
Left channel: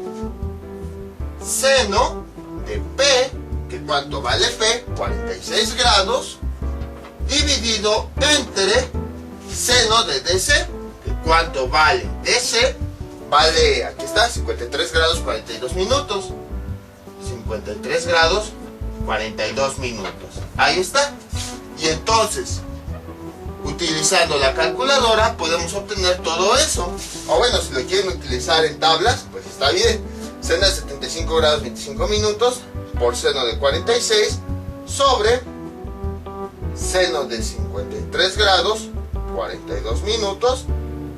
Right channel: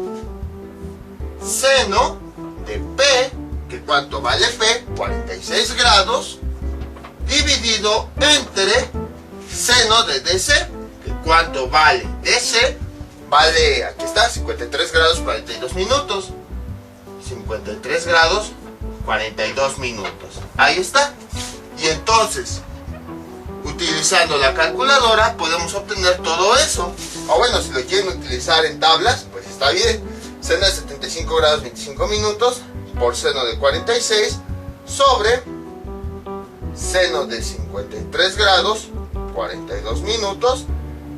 seno de P, que cuánto vale P, 46 grados, dividido entre seno de DC, que cuánto vale DC, vale, aquí está, 53 grados 42 minutos, 53 grados 42 minutos, ahí está. Y entonces, utilizando la calculadora podemos obtener todo eso. O bueno, si lo quieren utilizar en tablas, pues está bien. Seno de 75 grados 25 minutos por seno de 46 sobre seno de 53 grados 42 minutos,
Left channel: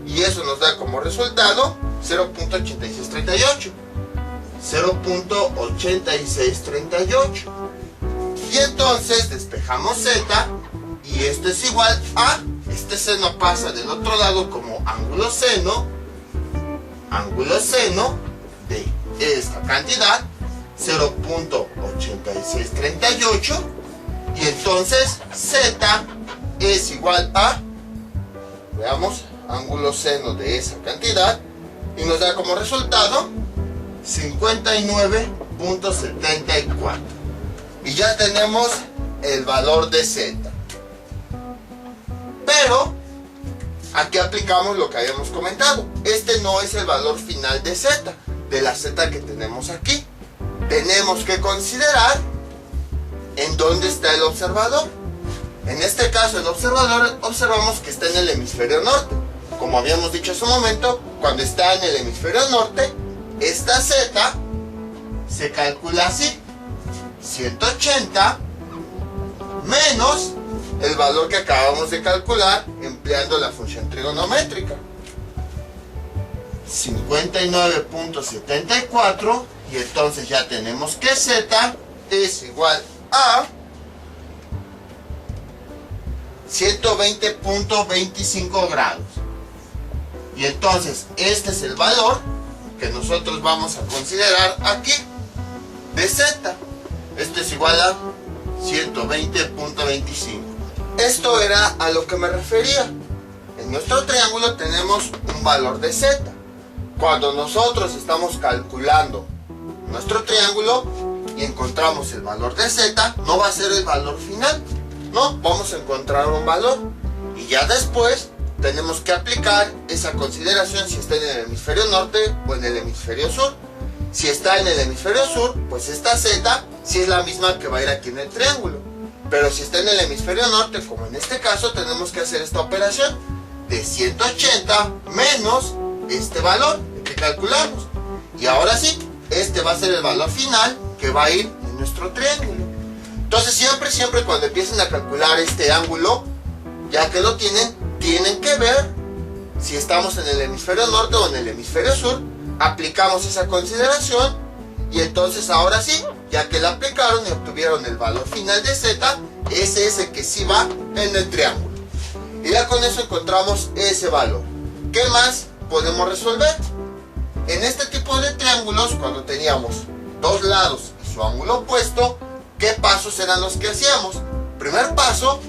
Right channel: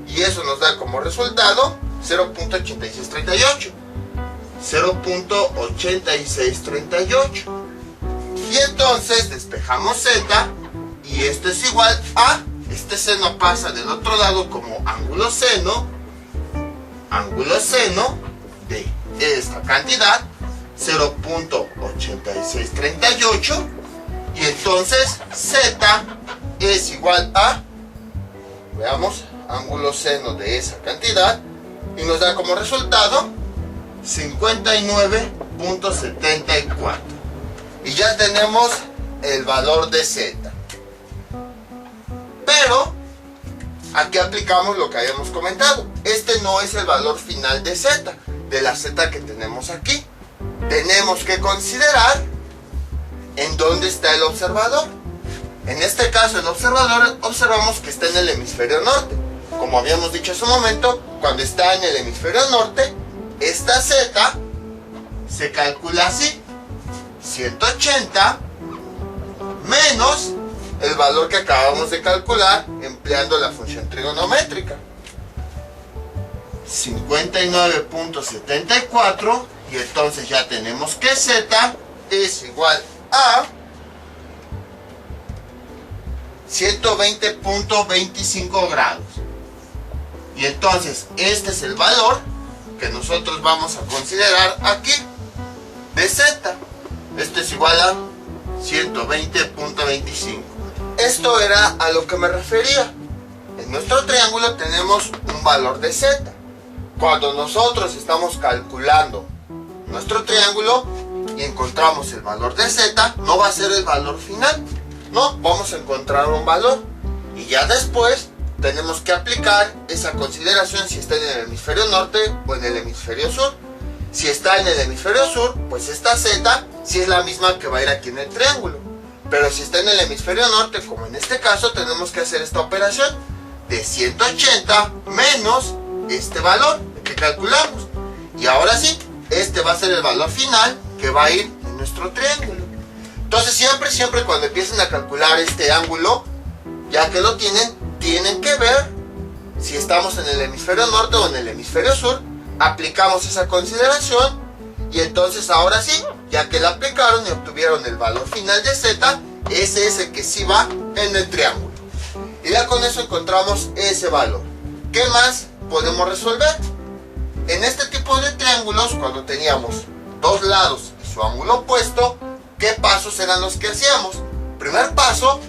y eso nos da como resultado 0.8638. 0.8638. Y entonces despejamos Z, y esto es igual a, este seno pasa del otro lado como ángulo seno de esta cantidad, 0.8638, y entonces Z es igual a, veamos, ángulo seno de esa cantidad, y nos da como resultado 59.74. Y ya tenemos el valor de Z. Pero aquí aplicamos lo que habíamos comentado. Este no es el valor final de Z. de la Z que tenemos aquí. Tenemos que considerar en dónde está el observador. En este caso, el observador observamos que está en el hemisferio norte. Como habíamos dicho hace un momento, cuando está en el hemisferio norte, esta Z se calcula así: 180 menos el valor que acabamos de calcular empleando la función trigonométrica, 59.74, y entonces ya tenemos que Z es igual a 120.25 grados. Y entonces este es el valor que nosotros vamos a considerar aquí de Z. Esto es igual a 120.25. Esto era a lo que me refería. En nuestro triángulo tenemos un valor de Z. Cuando nosotros estamos calculando nuestro triángulo y encontramos el valor de Z, no va a ser el valor final. No, vamos a encontrar un valor. Y ya después tenemos que aplicar esa consideración si está en el hemisferio norte o en el hemisferio sur. Si está en el hemisferio sur, pues esta Z sí es la misma que va a ir aquí en el triángulo. Pero si está en el hemisferio norte, como en este caso, tenemos que hacer esta operación de 180 menos este valor que calculamos. Y ahora sí, este va a ser el valor final que va a ir en nuestro triángulo. Entonces siempre cuando empiecen a calcular este ángulo, ya que lo tienen que ver si estamos en el hemisferio norte o en el hemisferio sur. Aplicamos esa consideración y entonces ahora sí, ya que la aplicaron y obtuvieron el valor final de Z, ese es el que sí va en el triángulo. Y ya con eso encontramos ese valor. ¿Qué más podemos resolver? En este tipo de triángulos, cuando teníamos dos lados y su ángulo opuesto, ¿qué pasos eran los que hacíamos? Primer paso,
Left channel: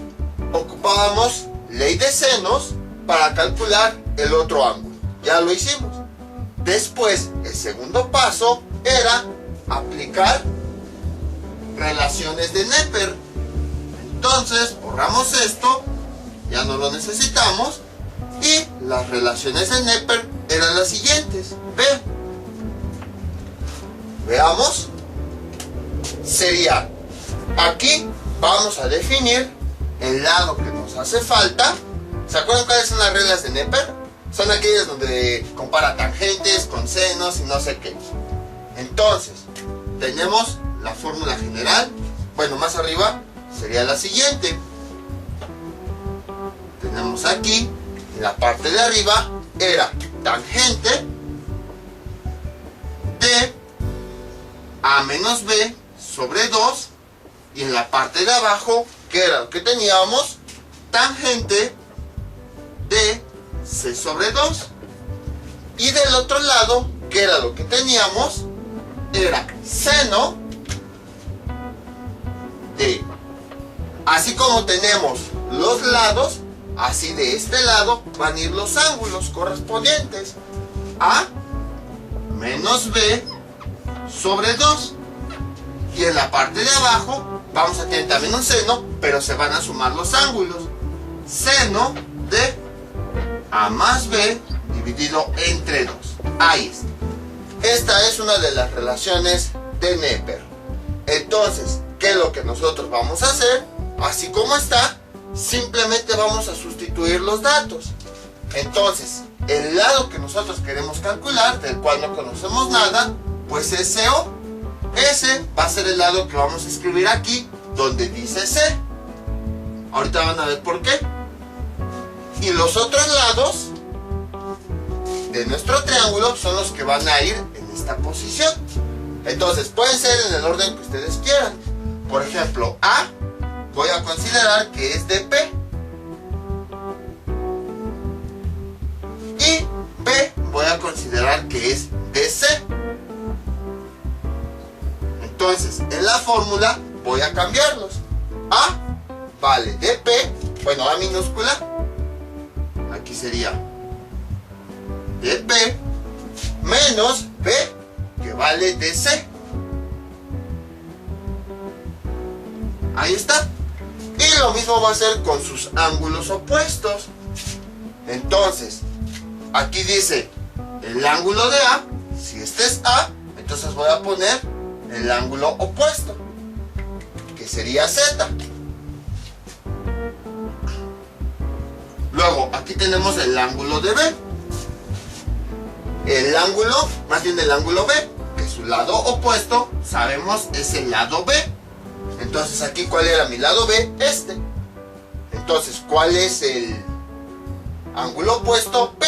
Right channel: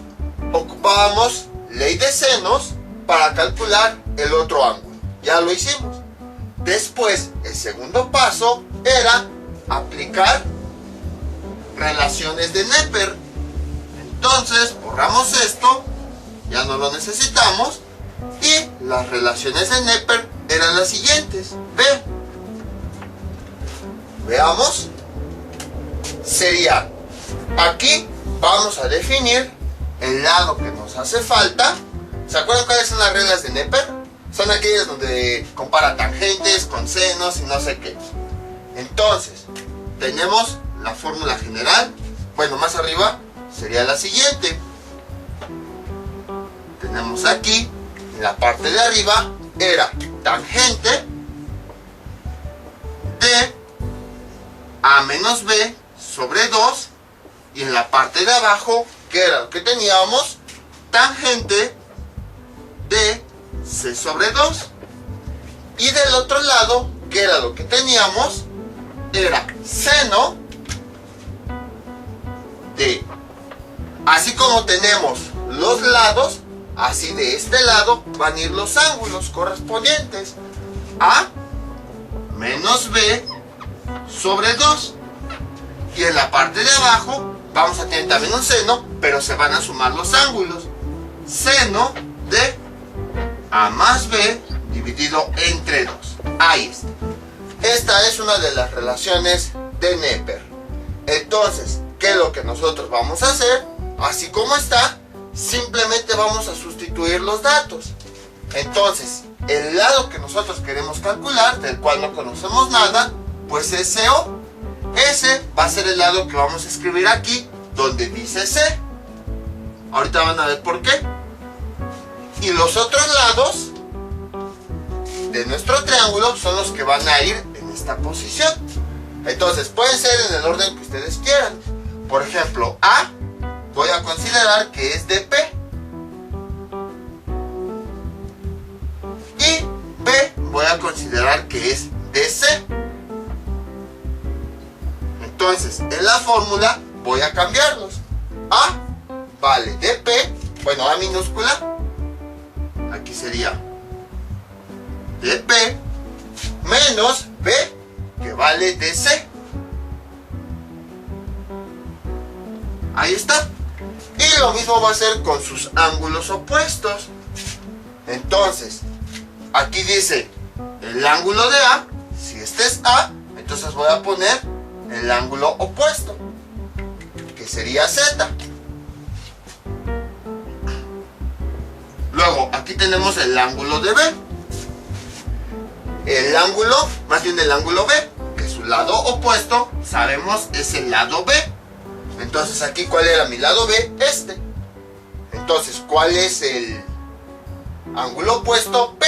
ocupábamos ley de senos para calcular el otro ángulo. Ya lo hicimos. Después, el segundo paso era aplicar relaciones de Neper. Entonces, borramos esto, ya no lo necesitamos, y las relaciones de Neper eran las siguientes. Veamos. Sería, aquí vamos a definir el lado que nos hace falta. ¿Se acuerdan cuáles son las reglas de Neper? Son aquellas donde compara tangentes con senos y no sé qué. Entonces, tenemos la fórmula general. Bueno, más arriba sería la siguiente. Tenemos aquí, en la parte de arriba, era tangente de A menos B sobre 2. Y en la parte de abajo, ¿qué era lo que teníamos? Tangente de C sobre 2. Y del otro lado, ¿qué era lo que teníamos? Era seno de, así como tenemos los lados, así de este lado van a ir los ángulos correspondientes. A menos B sobre 2. Y en la parte de abajo vamos a tener también un seno, pero se van a sumar los ángulos. Seno de A más B dividido entre 2. Ahí está. Esta es una de las relaciones de Neper. Entonces, ¿qué es lo que nosotros vamos a hacer? Así como está, simplemente vamos a sustituir los datos. Entonces, el lado que nosotros queremos calcular, del cual no conocemos nada, pues es CO. Ese va a ser el lado que vamos a escribir aquí, donde dice C. Ahorita van a ver por qué. Y los otros lados de nuestro triángulo son los que van a ir en esta posición. Entonces pueden ser en el orden que ustedes quieran. Por ejemplo, A voy a considerar que es de P. Y B voy a considerar que es de C. Entonces en la fórmula voy a cambiarlos. A vale de P, bueno, A minúscula, aquí sería de P, menos B, que vale de C. Ahí está. Y lo mismo va a ser con sus ángulos opuestos. Entonces, aquí dice el ángulo de A, si es este es A, entonces voy a poner el ángulo opuesto, que sería Z. Luego, aquí tenemos el ángulo de B. El ángulo, más bien el ángulo B, que su lado opuesto, sabemos, es el lado B. Entonces, aquí, ¿cuál era mi lado B? Este. Entonces, ¿cuál es el ángulo opuesto? P.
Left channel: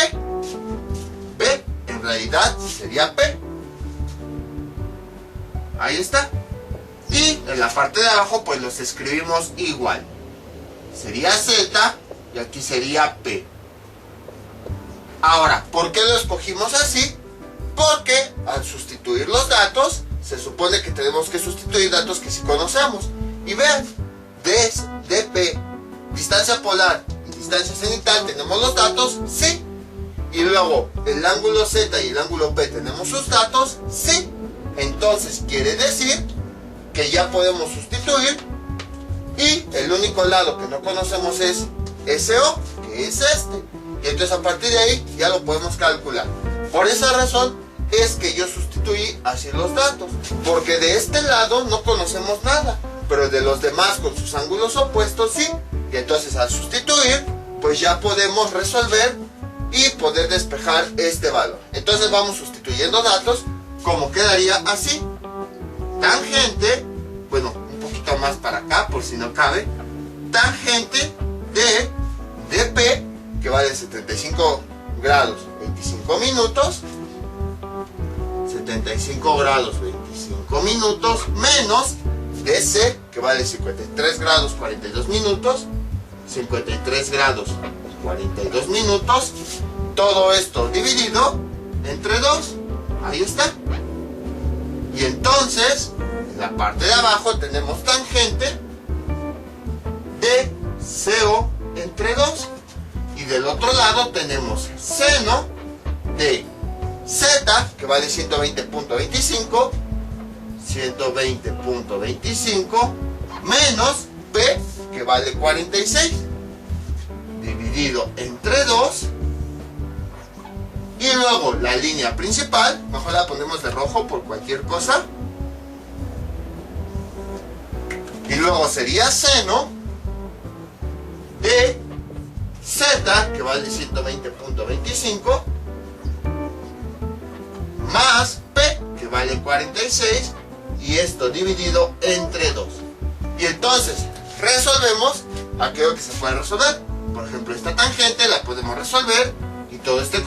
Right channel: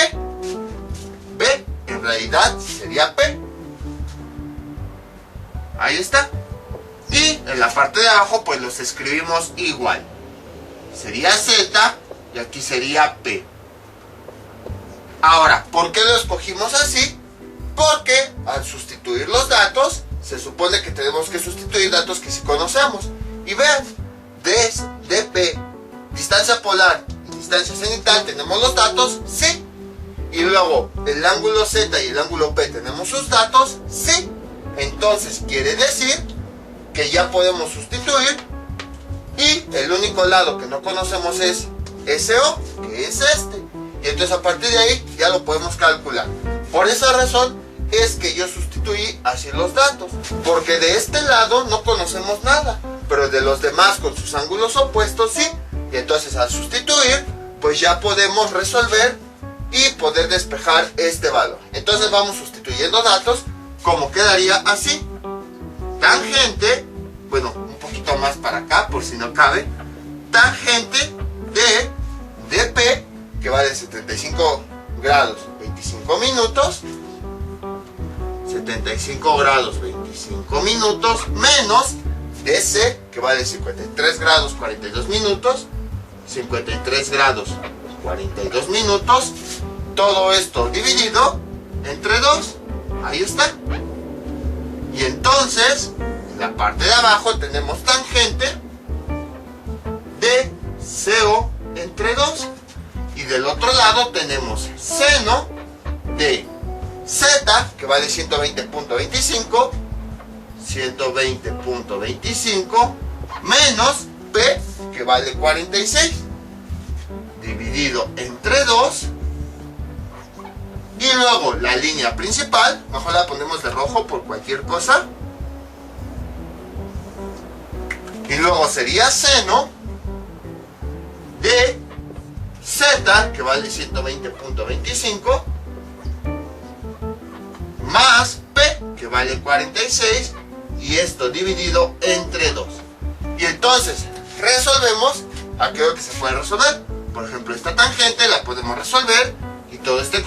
B, en realidad, sería P. Ahí está. Y en la parte de abajo, pues los escribimos igual. Sería Z y aquí sería P. Ahora, ¿por qué lo escogimos así? Porque al sustituir los datos, se supone que tenemos que sustituir datos que sí conocemos. Y vean, DP, distancia polar y distancia cenital, ¿tenemos los datos? Sí. Y luego, el ángulo Z y el ángulo P, ¿tenemos sus datos? Sí. Entonces, quiere decir que ya podemos sustituir. Y el único lado que no conocemos es SO, que es este. Y entonces a partir de ahí ya lo podemos calcular. Por esa razón es que yo sustituí así los datos, porque de este lado no conocemos nada, pero de los demás con sus ángulos opuestos sí. Y entonces al sustituir, pues ya podemos resolver y poder despejar este valor. Entonces vamos sustituyendo datos, como quedaría así. Tangente, bueno, un poquito más para acá por si no cabe, tangente de DP, que vale 75 grados 25 minutos, 75 grados 25 minutos, menos DC, que vale 53 grados 42 minutos, 53 grados 42 minutos, todo esto dividido entre 2, ahí está. Y entonces, en la parte de abajo tenemos tangente de CO entre 2. Y del otro lado tenemos seno de Z, que vale 120.25, 120.25, menos P, que vale 46, dividido entre 2. Y luego la línea principal, mejor la ponemos de rojo por cualquier cosa. Y luego sería seno de Z, que vale 120.25, más P, que vale 46, y esto dividido entre 2. Y entonces resolvemos aquello que se puede resolver. Por ejemplo, esta tangente la podemos resolver, y todo este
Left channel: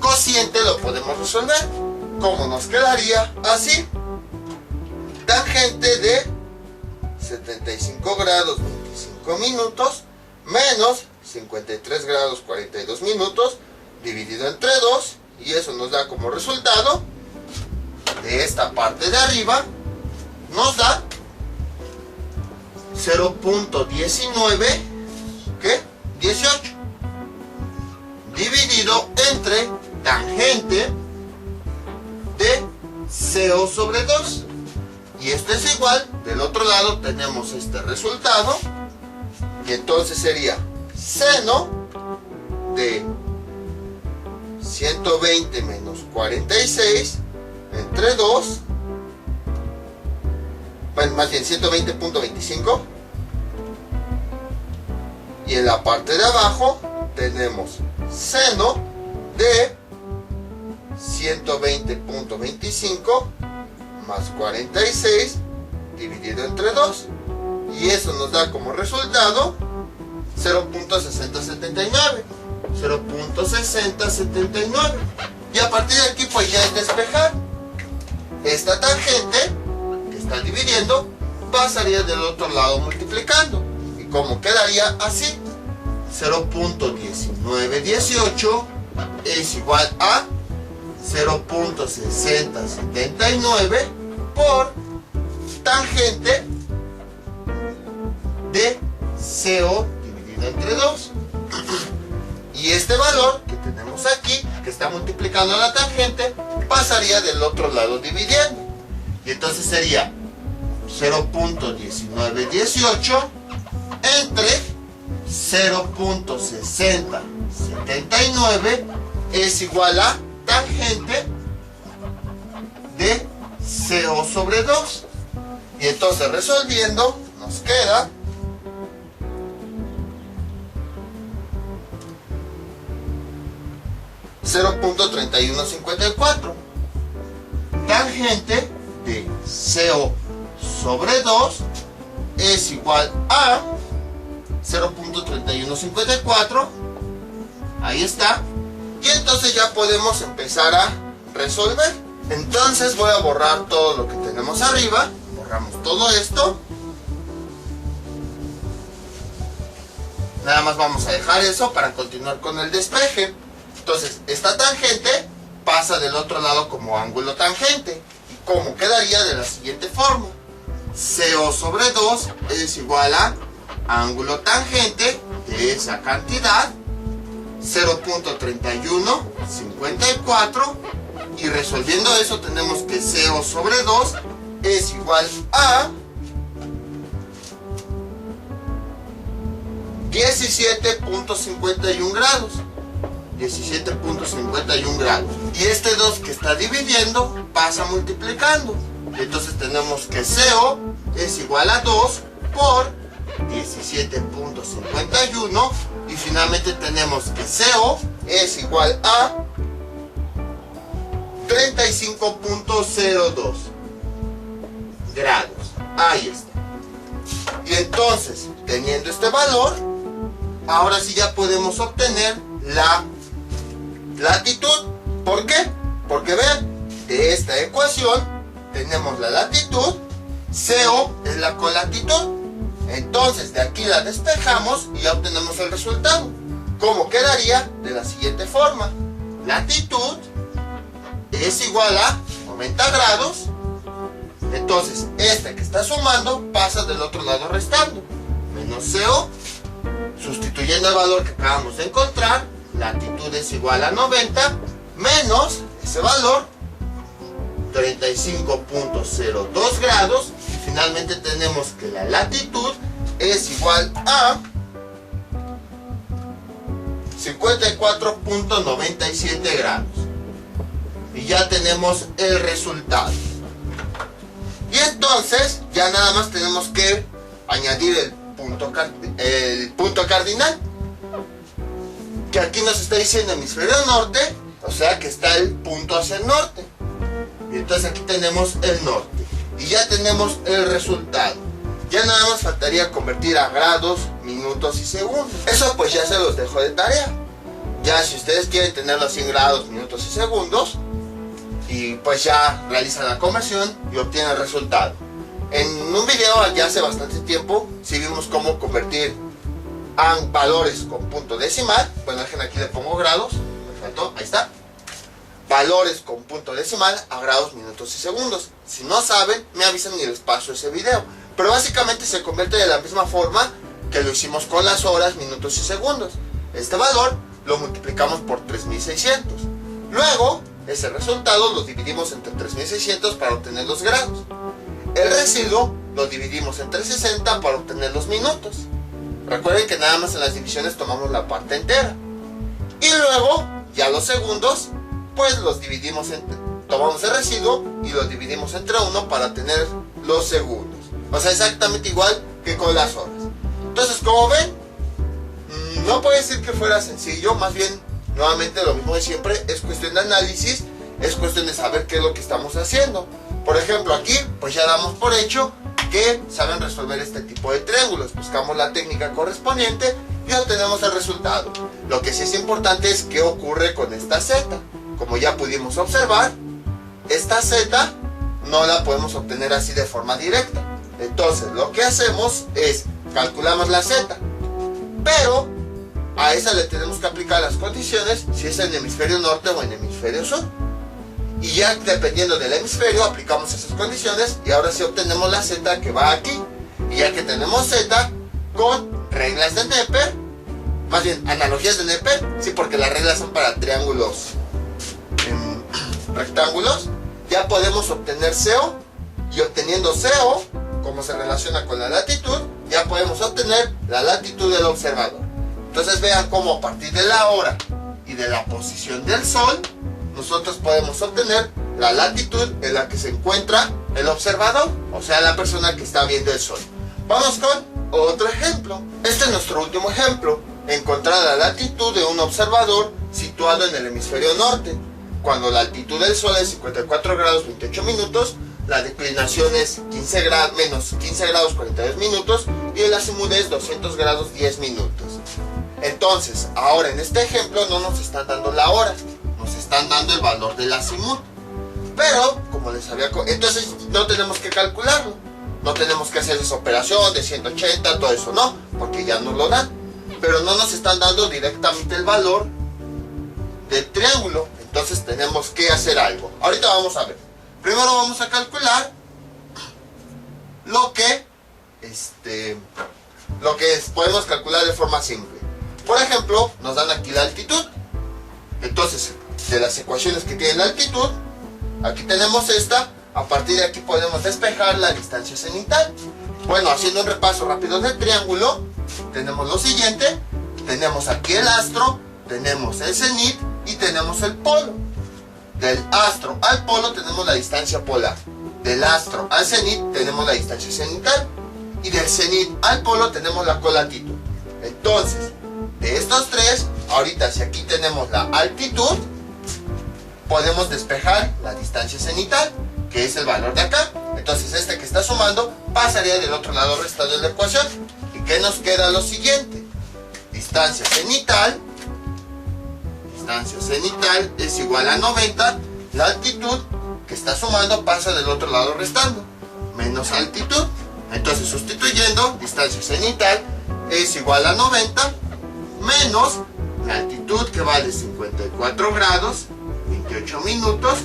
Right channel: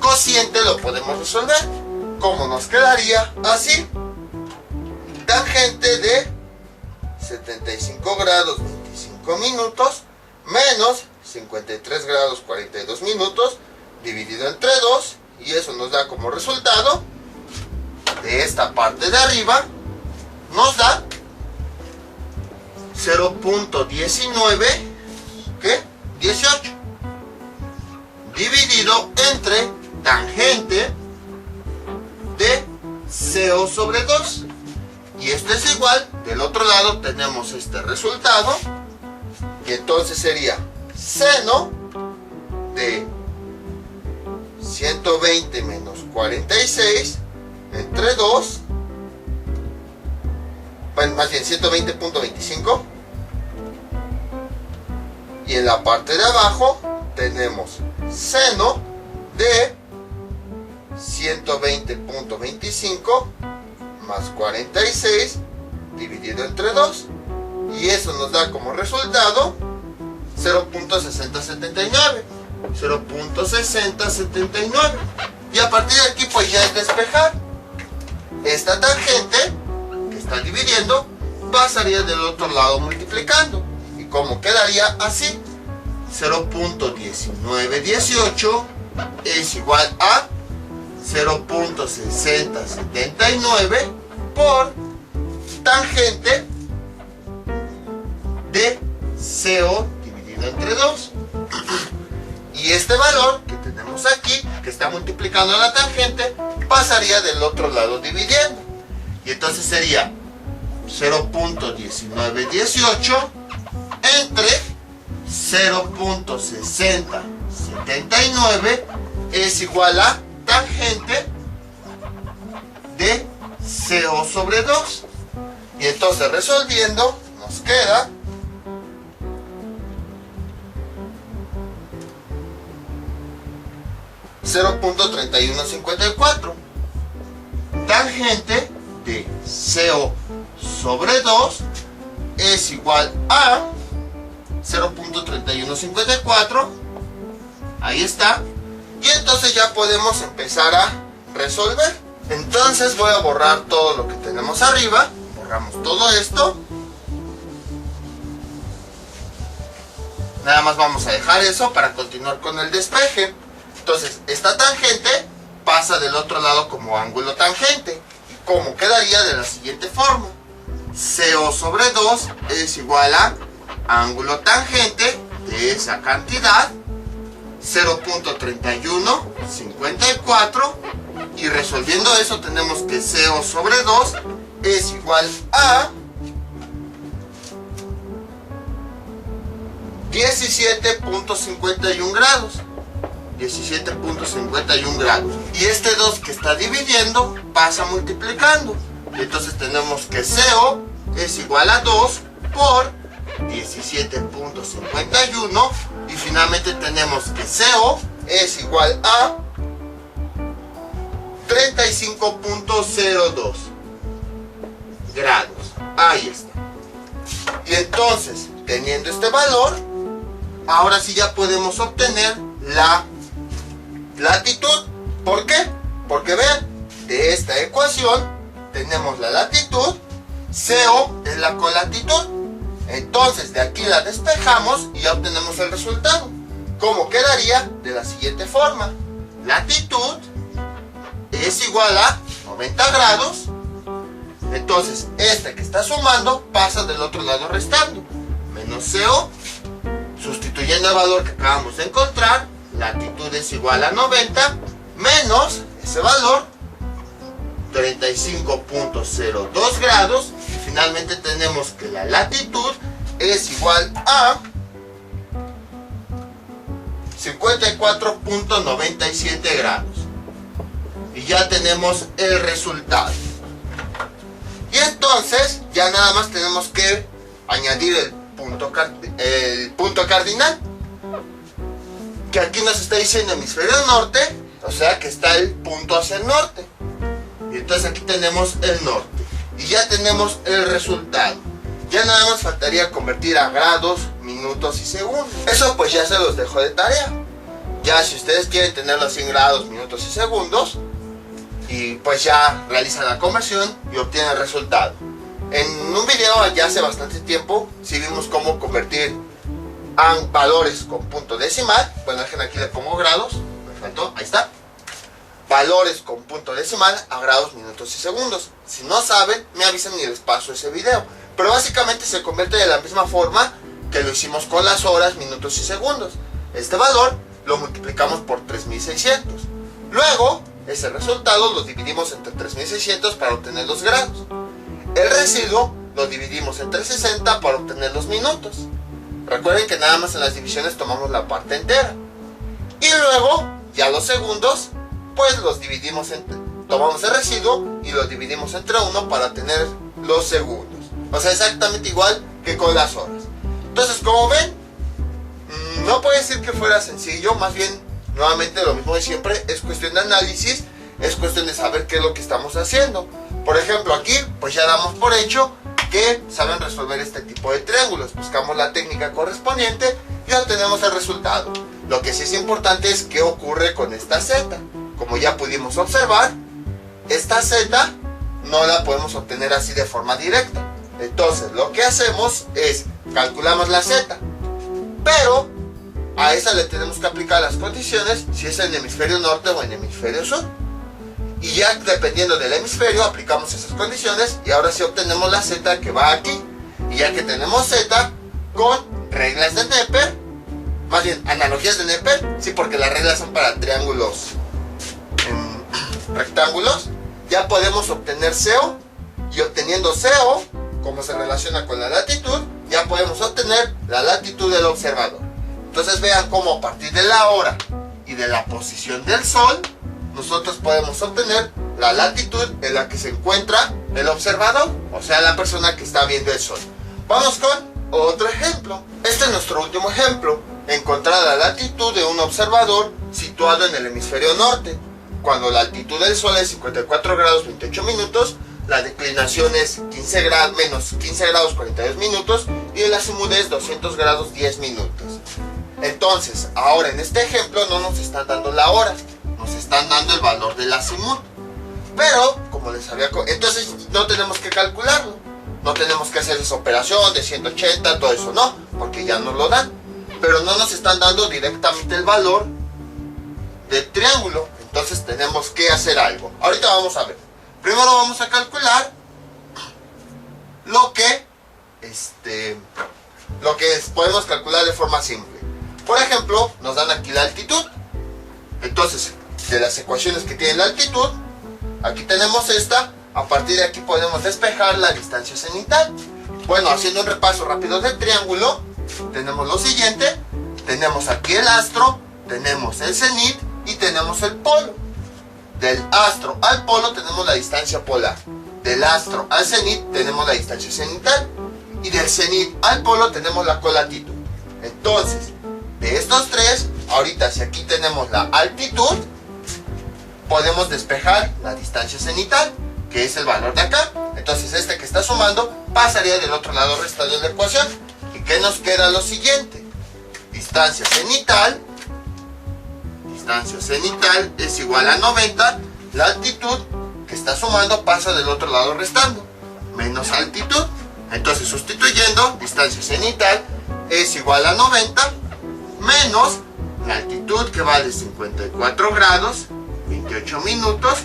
cociente lo podemos resolver. ¿Cómo nos quedaría? Así. Tangente de 75 grados 25 minutos menos 53 grados 42 minutos dividido entre 2, y eso nos da como resultado de esta parte de arriba, nos da 0.19, ¿qué? 18 dividido entre tangente de CO sobre 2, y esto es igual, del otro lado tenemos este resultado, y entonces sería seno de 120 menos 46 entre 2, bueno, más bien 120.25, y en la parte de abajo tenemos seno de 120.25 más 46 dividido entre 2, y eso nos da como resultado 0.6079, 0.6079, y a partir de aquí pues ya es despejar. Esta tangente que está dividiendo pasaría del otro lado multiplicando, y como quedaría así, 0.1918 es igual a 0.6079 por tangente de CO dividido entre 2. Y este valor que tenemos aquí, que está multiplicando la tangente, pasaría del otro lado dividiendo. Y entonces sería 0.1918 entre 0.6079 es igual a tangente de CO sobre 2. Y entonces resolviendo nos queda .3154. Tangente de CO sobre 2 es igual a 0.3154. Ahí está. Y entonces ya podemos empezar a resolver. Entonces voy a borrar todo lo que tenemos arriba. Borramos todo esto. Nada más vamos a dejar eso para continuar con el despeje. Entonces esta tangente pasa del otro lado como ángulo tangente. ¿Cómo quedaría? De la siguiente forma. CO sobre 2 es igual a ángulo tangente de esa cantidad, 0.3154, y resolviendo eso tenemos que CO sobre 2 es igual a 17.51 grados. 17.51 grados. Y este 2 que está dividiendo pasa multiplicando. Entonces tenemos que CO es igual a 2 por 17.51. Y finalmente tenemos que CO es igual a 35.02 grados. Ahí está. Y entonces, teniendo este valor, ahora sí ya podemos obtener la latitud. ¿Por qué? Porque vean, de esta ecuación tenemos la latitud, CO es la colatitud. Entonces de aquí la despejamos y ya obtenemos el resultado. ¿Cómo quedaría? De la siguiente forma. Latitud es igual a 90 grados. Entonces este que está sumando pasa del otro lado restando. Menos CO. Sustituyendo el valor que acabamos de encontrar, latitud es igual a 90 menos ese valor, 35.02 grados. Y finalmente tenemos que la latitud es igual a 54.97 grados. Y ya tenemos el resultado. Y entonces ya nada más tenemos que añadir el punto cardinal, que aquí nos está diciendo hemisferio norte, o sea que está el punto hacia el norte. Y entonces aquí tenemos el norte y ya tenemos el resultado. Ya nada más faltaría convertir a grados, minutos y segundos. Eso pues ya se los dejo de tarea. Ya si ustedes quieren tenerlo así en grados, minutos y segundos, y pues ya realizan la conversión y obtienen el resultado. En un video ya hace bastante tiempo sí vimos cómo convertir a valores con punto decimal. Bueno, aquí le pongo grados, me faltó, ahí está. Valores con punto decimal a grados, minutos y segundos. Si no saben, me avisan y les paso ese video. Pero básicamente se convierte de la misma forma que lo hicimos con las horas, minutos y segundos. Este valor lo multiplicamos por 3600. Luego, ese resultado lo dividimos entre 3600 para obtener los grados. El residuo lo dividimos entre 60 para obtener los minutos. Recuerden que nada más en las divisiones tomamos la parte entera. Y luego, ya los segundos, pues los dividimos tomamos el residuo y lo dividimos entre 1 para obtener los segundos. O sea, exactamente igual que con las horas. Entonces, como ven, no puede decir que fuera sencillo, más bien, nuevamente lo mismo de siempre, es cuestión de análisis, es cuestión de saber qué es lo que estamos haciendo. Por ejemplo, aquí, pues ya damos por hecho que saben resolver este tipo de triángulos. Buscamos la técnica correspondiente y obtenemos el resultado. Lo que sí es importante es qué ocurre con esta z. Como ya pudimos observar, esta z no la podemos obtener así de forma directa. Entonces, lo que hacemos es calculamos la z, pero a esa le tenemos que aplicar las condiciones si es en hemisferio norte o en hemisferio sur. Y ya dependiendo del hemisferio aplicamos esas condiciones y ahora sí obtenemos la z que va aquí. Y ya que tenemos z con reglas de Neper, más bien analogías de Neper, sí, porque las reglas son para triángulos rectángulos, ya podemos obtener CO. Y obteniendo CO, como se relaciona con la latitud, ya podemos obtener la latitud del observador. Entonces vean cómo a partir de la hora y de la posición del sol nosotros podemos obtener la latitud en la que se encuentra el observador, o sea, la persona que está viendo el sol. Vamos con otro ejemplo. Este es nuestro último ejemplo. Encontrar la latitud de un observador situado en el hemisferio norte. Cuando la altitud del sol es 54 grados 28 minutos, la declinación es menos 15 grados 42 minutos y el azimut es 200 grados 10 minutos. Entonces, ahora en este ejemplo no nos están dando la hora, nos están dando el valor del azimut. Pero, como les había comentado, entonces no tenemos que calcularlo. No tenemos que hacer esa operación de 180, todo eso, no, porque ya nos lo dan. Pero no nos están dando directamente el valor del triángulo. Entonces tenemos que hacer algo. Ahorita vamos a ver. Primero vamos a calcular lo que podemos calcular de forma simple. Por ejemplo, nos dan aquí la altitud. Entonces, de las ecuaciones que tienen la altitud, aquí tenemos esta. A partir de aquí podemos despejar la distancia cenital. Bueno, haciendo un repaso rápido del triángulo, tenemos lo siguiente. Tenemos aquí el astro, tenemos el cenit y tenemos el polo. Del astro al polo tenemos la distancia polar. Del astro al cenit tenemos la distancia cenital. Y del cenit al polo tenemos la colatitud. Entonces, de estos tres, ahorita si aquí tenemos la altitud, podemos despejar la distancia cenital, que es el valor de acá. Entonces este que está sumando pasaría del otro lado restando de la ecuación. ¿Y qué nos queda? Lo siguiente. Distancia cenital es igual a 90. La altitud que está sumando pasa del otro lado restando. Menos altitud. Entonces sustituyendo, distancia cenital es igual a 90. Menos la altitud que vale 54 grados 28 minutos.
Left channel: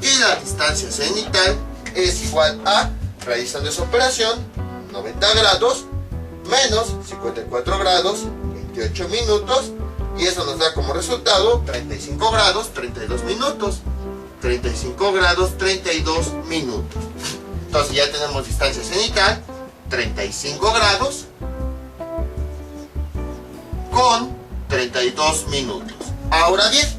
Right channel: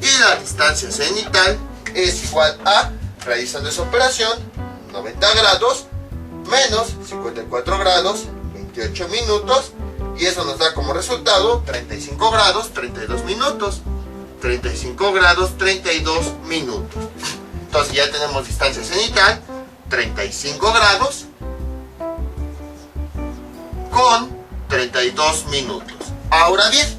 Y la distancia cenital es igual a, realizando esa operación, 90 grados menos 54 grados 28 minutos. Y eso nos da como resultado 35 grados 32 minutos. 35 grados 32 minutos. Entonces ya tenemos distancia cenital 35 grados con 32 minutos. Ahora bien,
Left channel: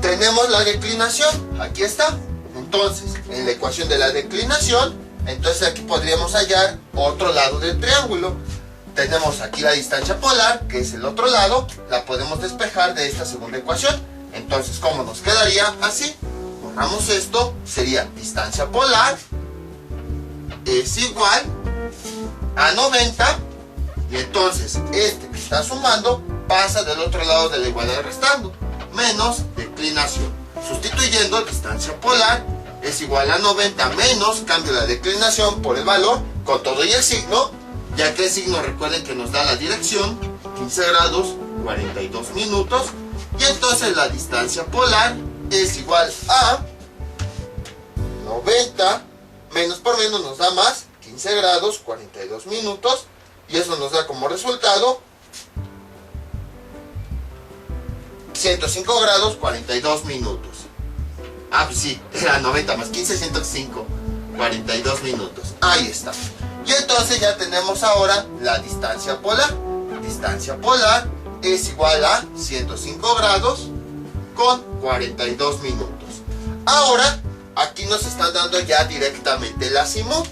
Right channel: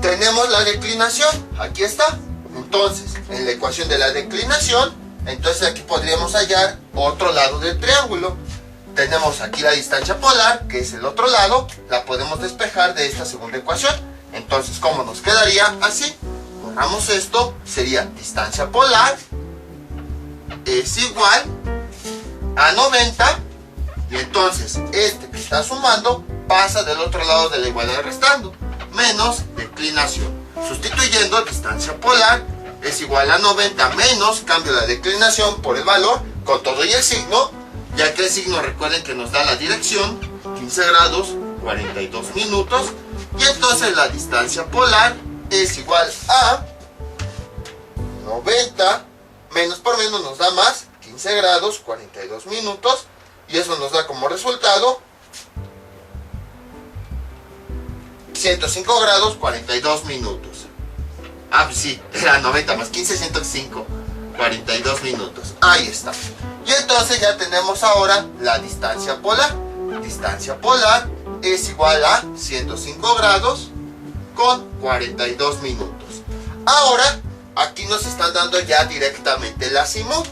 tenemos la declinación, aquí está. Entonces, en la ecuación de la declinación, entonces aquí podríamos hallar otro lado del triángulo. Tenemos aquí la distancia polar, que es el otro lado, la podemos despejar de esta segunda ecuación. Entonces, ¿cómo nos quedaría? Así. Borramos esto, sería distancia polar es igual a 90. Y entonces, este que está sumando pasa del otro lado de la igualdad restando. Menos declinación. Sustituyendo, distancia polar es igual a 90 menos, cambio la declinación por el valor, con todo y el signo, ya que el signo, recuerden que nos da la dirección, 15 grados 42 minutos, y entonces la distancia polar es igual a 90, menos por menos nos da más, 15 grados 42 minutos, y eso nos da como resultado 105 grados 42 minutos. Ah, pues sí, era 90 más 15, 105, 42 minutos. Ahí está. Y entonces ya tenemos ahora la distancia polar. Distancia polar es igual a 105 grados con 42 minutos. Ahora, aquí nos están dando ya directamente el azimut.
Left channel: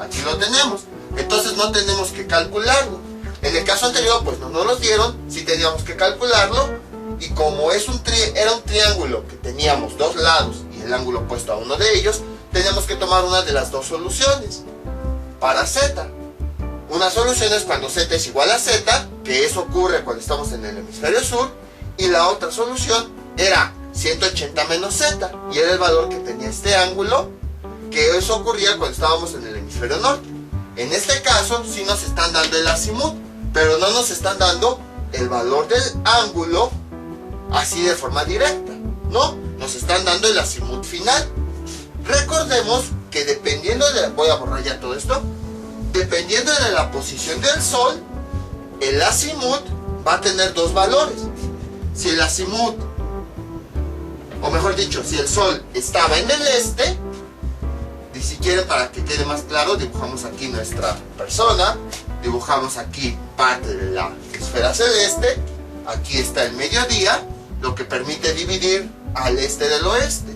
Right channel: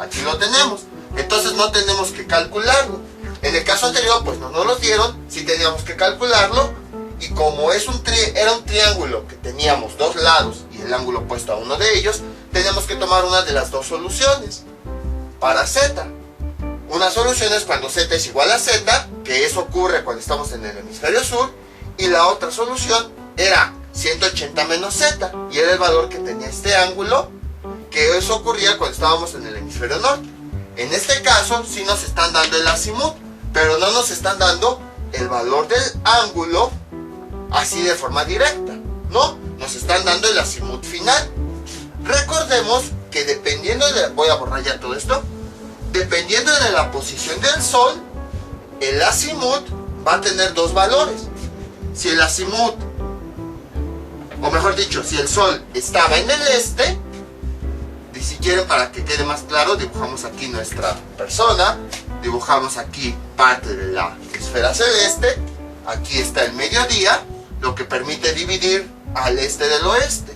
Aquí lo tenemos. Entonces no tenemos que calcularlo. En el caso anterior, pues no nos lo dieron, sí teníamos que calcularlo. Y como era un triángulo que teníamos dos lados y el ángulo opuesto a uno de ellos, teníamos que tomar una de las dos soluciones. Para z, una solución es cuando z es igual a z, que eso ocurre cuando estamos en el hemisferio sur, y la otra solución era 180 menos z, y era el valor que tenía este ángulo, que eso ocurría cuando estábamos en el hemisferio norte. En este caso sí nos están dando el azimut, pero no nos están dando el valor del ángulo así de forma directa, ¿no? Nos están dando el azimut final. Recordemos que dependiendo de, voy a borrar ya todo esto, dependiendo de la posición del sol, el azimut va a tener dos valores. Si el azimut, o mejor dicho, si el sol estaba en el este, y si quieren para que quede más claro, dibujamos aquí nuestra persona, dibujamos aquí parte de la esfera celeste, aquí está el mediodía, lo que permite dividir al este del oeste.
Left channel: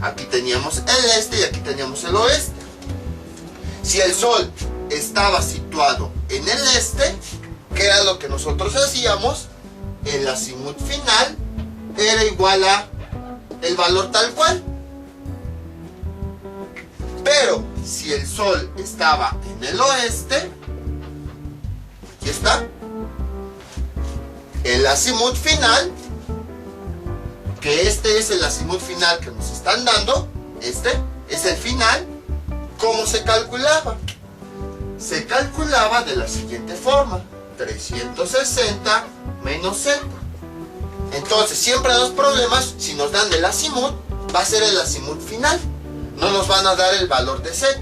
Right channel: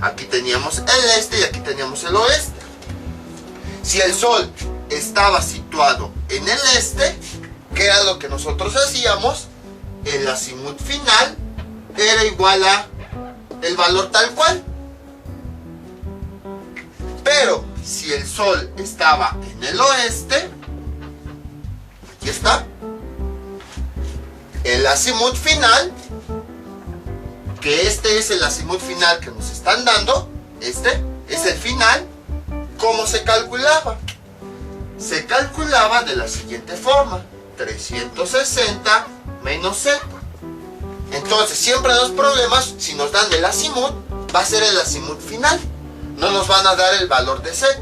Aquí teníamos el este y aquí teníamos el oeste. Si el Sol estaba situado en el este, ¿qué era lo que nosotros hacíamos? El azimut final era igual a el valor tal cual. Pero si el Sol estaba en el oeste, aquí está, el azimut final, que este es el azimut final que nos están dando, este es el final. ¿Cómo se calculaba? Se calculaba de la siguiente forma: 360 menos z. Entonces, siempre en los problemas, si nos dan el azimut, va a ser el azimut final. No nos van a dar el valor de z.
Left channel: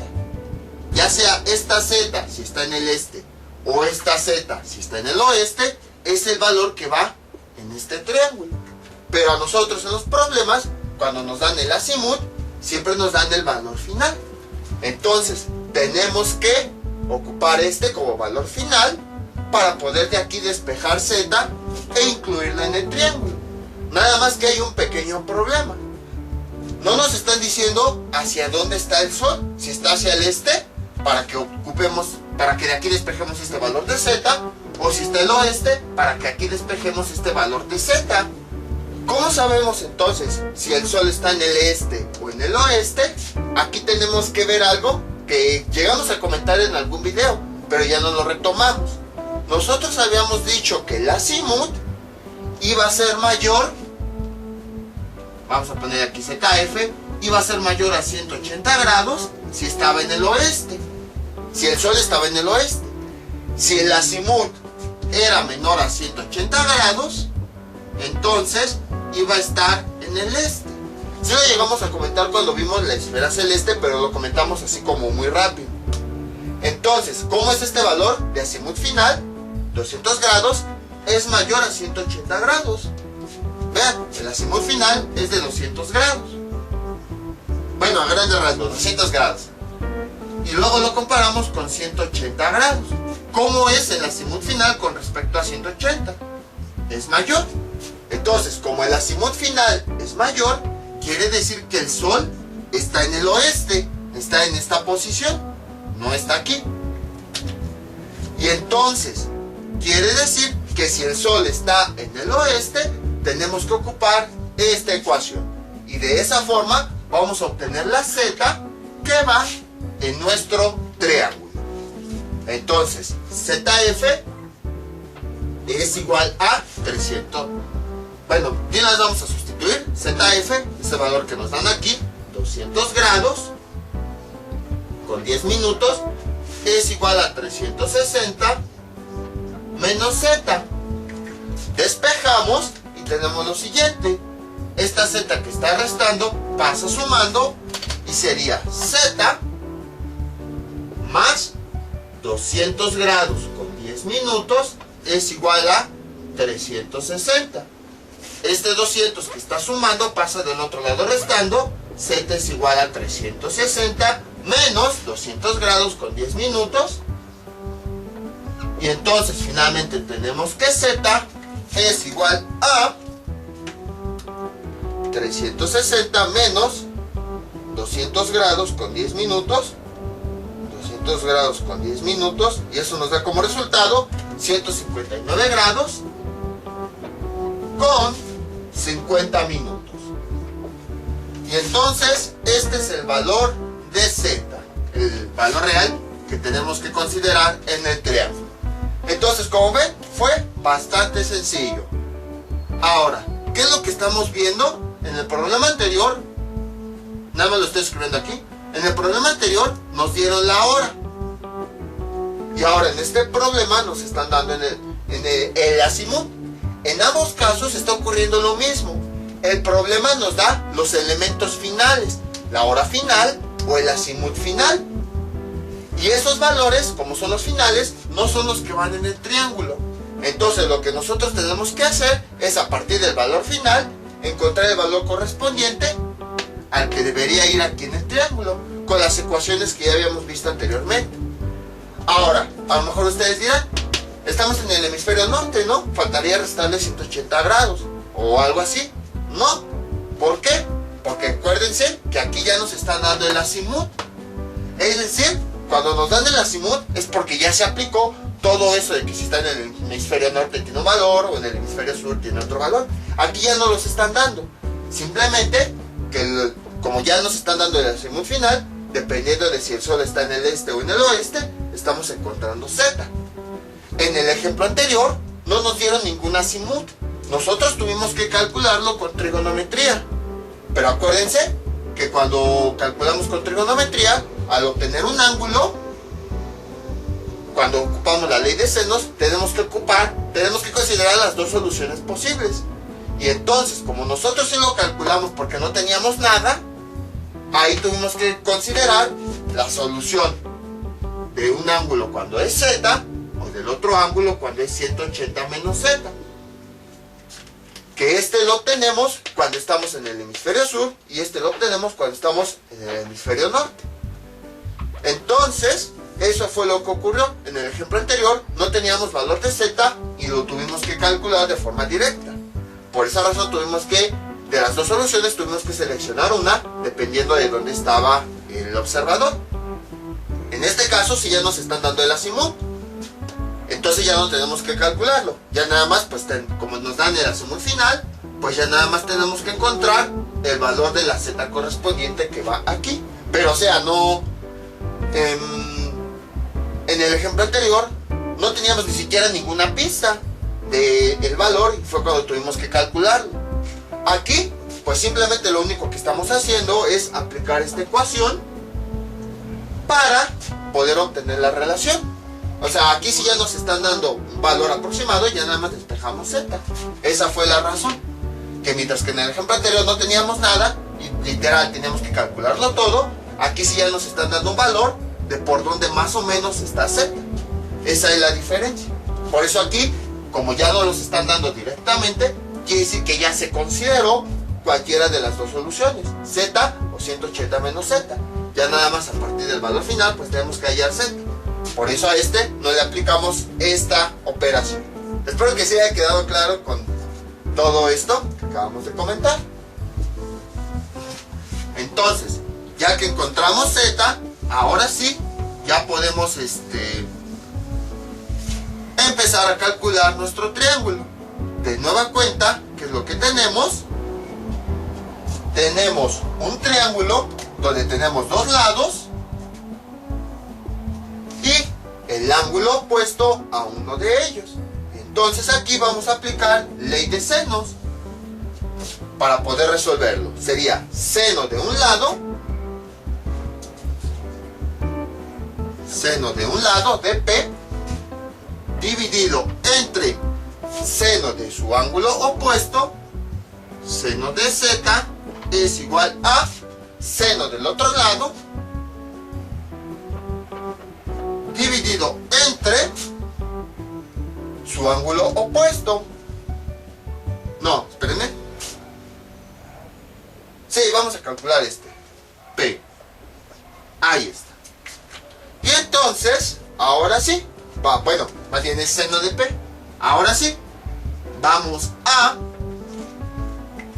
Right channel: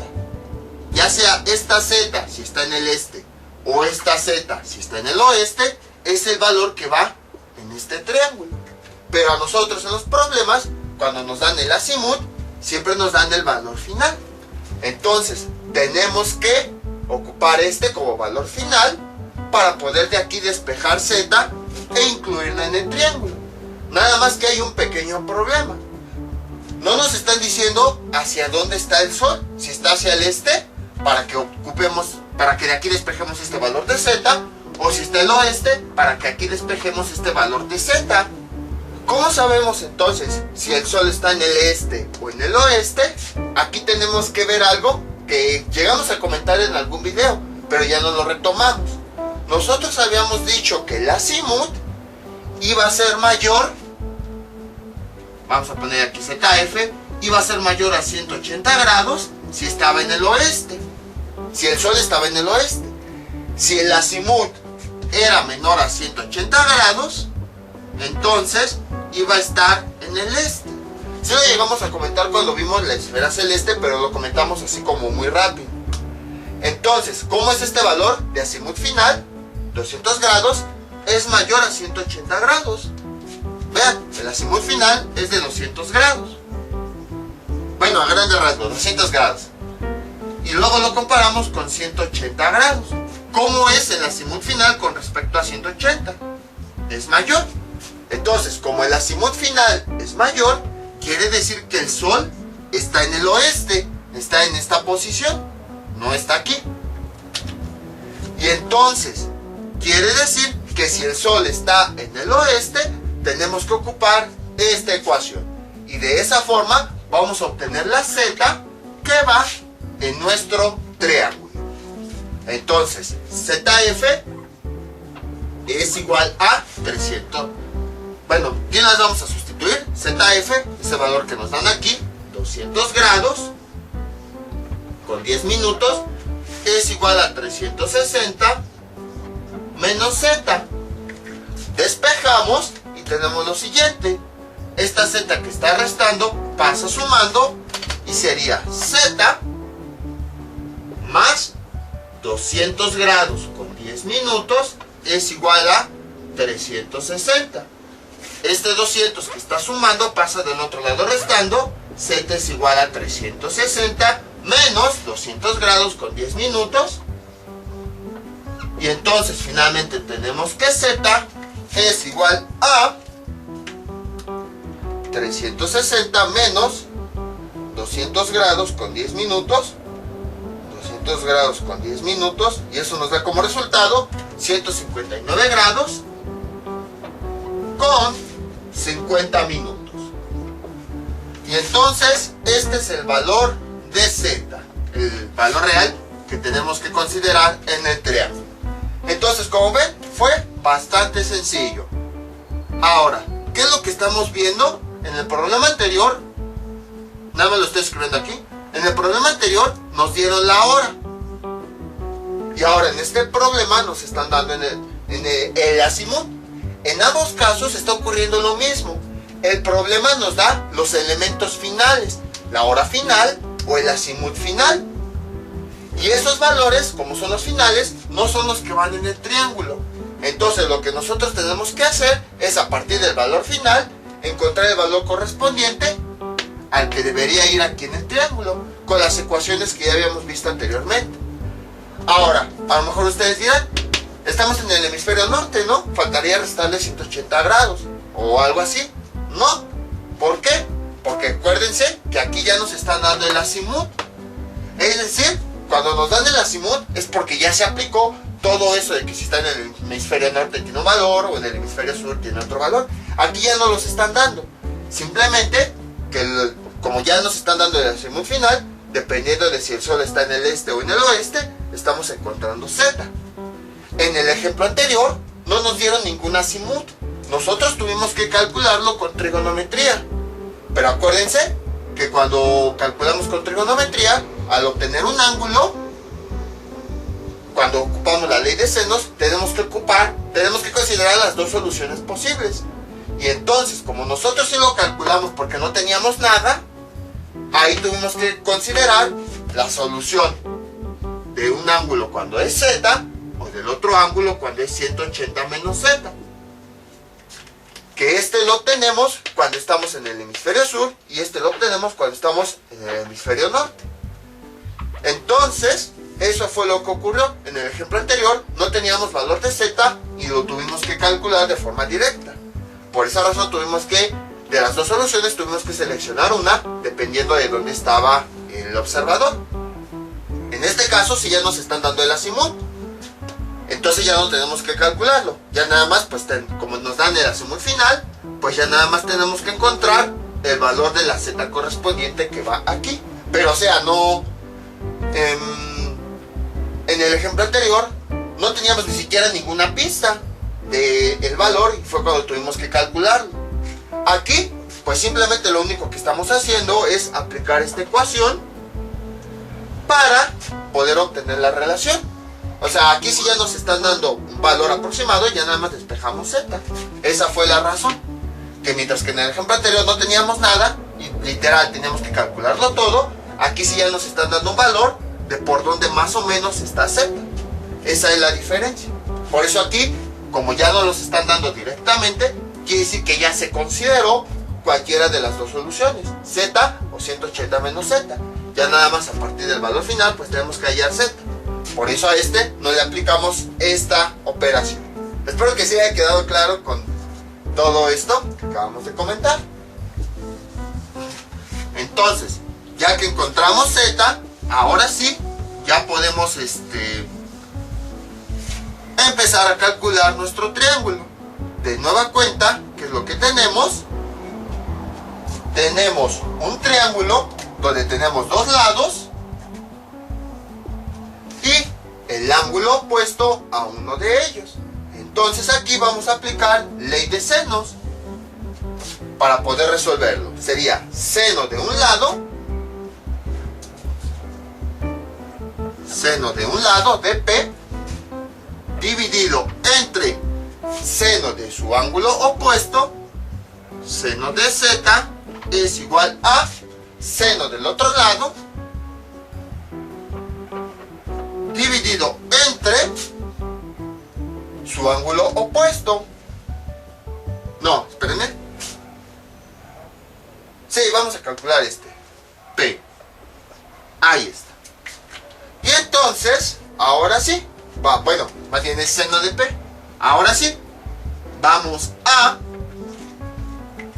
Ya sea esta z si está en el este, o esta z si está en el oeste, es el valor que va en este triángulo. Pero a nosotros en los problemas, cuando nos dan el azimut, siempre nos dan el valor final. Entonces, tenemos que ocupar este como valor final para poder de aquí despejar z e incluirla en el triángulo. Nada más que hay un pequeño problema. No nos están diciendo hacia dónde está el Sol. Si está hacia el este, para que ocupemos, para que de aquí despejemos este valor de z, o si está el oeste, para que aquí despejemos este valor de z. ¿Cómo sabemos entonces si el Sol está en el este o en el oeste? Aquí tenemos que ver algo que llegamos a comentar en algún video, pero ya no lo retomamos. Nosotros habíamos dicho que el azimut iba a ser mayor, vamos a poner aquí ZF, iba a ser mayor a 180 grados si estaba en el oeste, si el Sol estaba en el oeste. Si el azimut era menor a 180 grados, entonces iba a estar en el este. Si lo llegamos a comentar cuando vimos la esfera celeste, pero lo comentamos así como muy rápido. Entonces, ¿cómo es este valor de azimut final? 200 grados es mayor a 180 grados. Vean, el azimut final es de 200 grados. Bueno, a grandes rasgos, 200 grados. Y luego lo comparamos con 180 grados. ¿Cómo es el azimut final con respecto a 180? Es mayor. Entonces, como el azimut final es mayor, quiere decir que el Sol está en el oeste, está en esta posición, no está aquí. Y entonces, quiere decir que si el Sol está en el oeste, tenemos que ocupar esta ecuación. Y de esa forma vamos a obtener la z que va en nuestro triángulo. Entonces, ZF es igual a 300. Bueno, ¿qué las vamos a sustituir? ZF, ese valor que nos dan aquí, 200 grados con 10 minutos, es igual a 360 menos z. Despejamos y tenemos lo siguiente. Esta z que está restando pasa sumando y sería z más 200 grados con 10 minutos es igual a 360. Este 200 que está sumando pasa del otro lado restando. Z es igual a 360 menos 200 grados con 10 minutos. Y entonces finalmente tenemos que Z es igual a 360 menos 200 grados con 10 minutos. 200 grados con 10 minutos. Y eso nos da como resultado 159 grados con 50 minutos. Y entonces este es el valor de Z, el valor real que tenemos que considerar en el triángulo. Entonces, como ven, fue bastante sencillo. Ahora, ¿qué es lo que estamos viendo? En el problema anterior, nada más lo estoy escribiendo aquí, en el problema anterior nos dieron la hora. Y ahora en este problema nos están dando el azimut. En ambos casos está ocurriendo lo mismo. El problema nos da los elementos finales, la hora final o el azimut final. Y esos valores, como son los finales, no son los que van en el triángulo. Entonces lo que nosotros tenemos que hacer es, a partir del valor final, encontrar el valor correspondiente al que debería ir aquí en el triángulo, con las ecuaciones que ya habíamos visto anteriormente. Ahora, a lo mejor ustedes dirán, estamos en el hemisferio norte, ¿no? Faltaría restarle 180 grados o algo así. No. ¿Por qué? Porque acuérdense que aquí ya nos están dando el azimut. Es decir, cuando nos dan el azimut es porque ya se aplicó todo eso de que si está en el hemisferio norte tiene un valor o en el hemisferio sur tiene otro valor. Aquí ya no los están dando. Simplemente que como ya nos están dando el azimut final, dependiendo de si el sol está en el este o en el oeste, estamos encontrando Z. En el ejemplo anterior no nos dieron ningún azimut. Nosotros tuvimos que calcularlo con trigonometría. Pero acuérdense que cuando calculamos con trigonometría, al obtener un ángulo, cuando ocupamos la ley de senos, tenemos que considerar las dos soluciones posibles. Y entonces, como nosotros sí lo calculamos porque no teníamos nada, ahí tuvimos que considerar la solución de un ángulo cuando es Z o del otro ángulo cuando es 180 menos Z. Que este lo obtenemos cuando estamos en el hemisferio sur y este lo obtenemos cuando estamos en el hemisferio norte. Entonces, eso fue lo que ocurrió. En el ejemplo anterior no teníamos valor de Z y lo tuvimos que calcular de forma directa. Por esa razón de las dos soluciones tuvimos que seleccionar una dependiendo de dónde estaba el observador. En este caso sí ya nos están dando el azimut. Entonces ya no tenemos que calcularlo. Ya nada más, pues como nos dan el azimut final, pues ya nada más tenemos que encontrar el valor de la Z correspondiente que va aquí. Pero o sea, no... En el ejemplo anterior no teníamos ni siquiera ninguna pista del valor y fue cuando tuvimos que calcularlo. Aquí, pues simplemente lo único que estamos haciendo es aplicar esta ecuación para poder obtener la relación. O sea, aquí sí ya nos están dando un valor aproximado y ya nada más despejamos Z. Esa fue la razón. Que mientras que en el ejemplo anterior no teníamos nada y literal teníamos que calcularlo todo, aquí sí ya nos están dando un valor de por dónde más o menos está Z. Esa es la diferencia. Por eso aquí, como ya no los están dando directamente, quiere decir que ya se consideró cualquiera de las dos soluciones, Z o 180 menos Z. Ya nada más a partir del valor final, pues tenemos que hallar Z. Por eso a este no le aplicamos esta operación. Espero que se haya quedado claro con todo esto que acabamos de comentar. Entonces, ya que encontramos Z, ahora sí, ya podemos empezar a calcular nuestro triángulo. De nueva cuenta, ¿qué es lo que tenemos? Tenemos un triángulo donde tenemos dos lados y el ángulo opuesto a uno de ellos. Entonces aquí vamos a aplicar ley de senos para poder resolverlo. Sería seno de un lado de P dividido entre seno de su ángulo opuesto, seno de Z, es igual a seno del otro lado dividido entre su ángulo opuesto. No, espérenme. Sí, vamos a calcular P. Ahí está. Y entonces, ahora sí, bueno, más bien es seno de P. Ahora sí, vamos a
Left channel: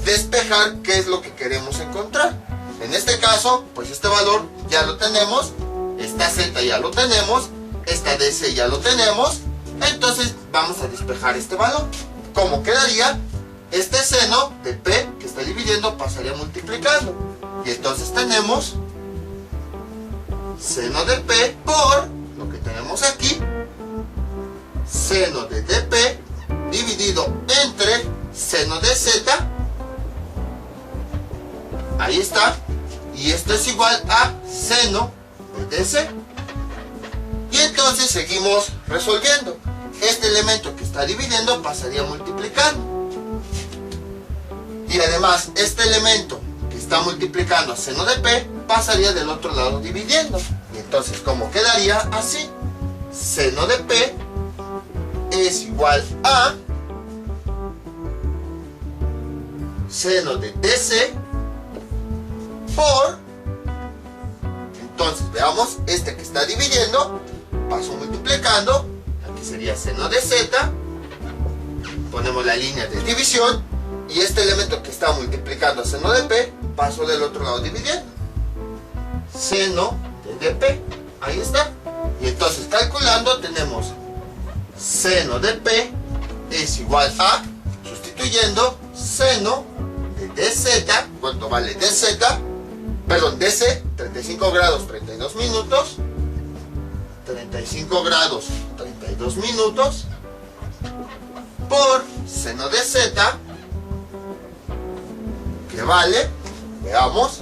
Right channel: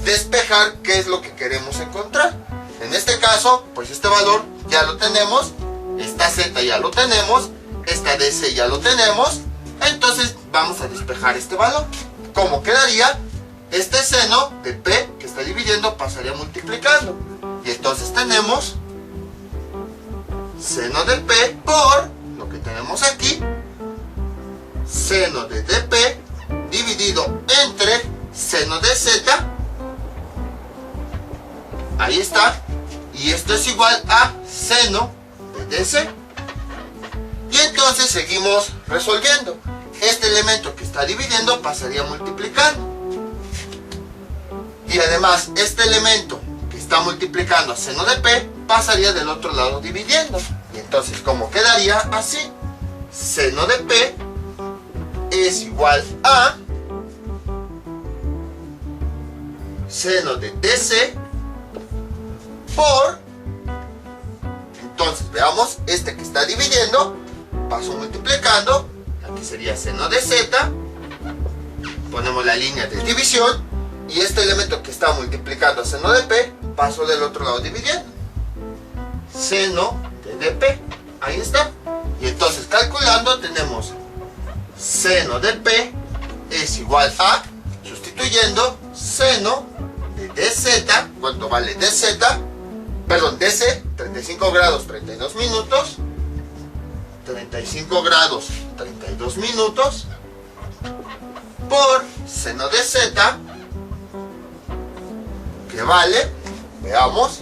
despejar qué es lo que queremos encontrar. En este caso, pues este valor ya lo tenemos, esta Z ya lo tenemos, esta DC ya lo tenemos. Entonces vamos a despejar este valor. ¿Cómo quedaría? Este seno de P que está dividiendo pasaría multiplicando. Y entonces tenemos seno de P por lo que tenemos aquí, seno de dP dividido entre seno de Z. Ahí está. Y esto es igual a seno de DC. Y entonces seguimos resolviendo. Este elemento que está dividiendo pasaría multiplicando. Y además este elemento que está multiplicando a seno de P pasaría del otro lado dividiendo. Y entonces, ¿cómo quedaría? Así. Seno de P es igual a seno de DC por... Entonces, veamos, este que está dividiendo, paso multiplicando, aquí sería seno de Z, ponemos la línea de división, Y este elemento que está multiplicando a seno de P, paso del otro lado dividiendo. Seno de P, ahí está. Y entonces calculando tenemos seno de P es igual a, sustituyendo, seno de dz, ¿cuánto vale dz? Perdón, dc, 35 grados 32 minutos, 35 grados 32 minutos, por seno de z, que vale, veamos,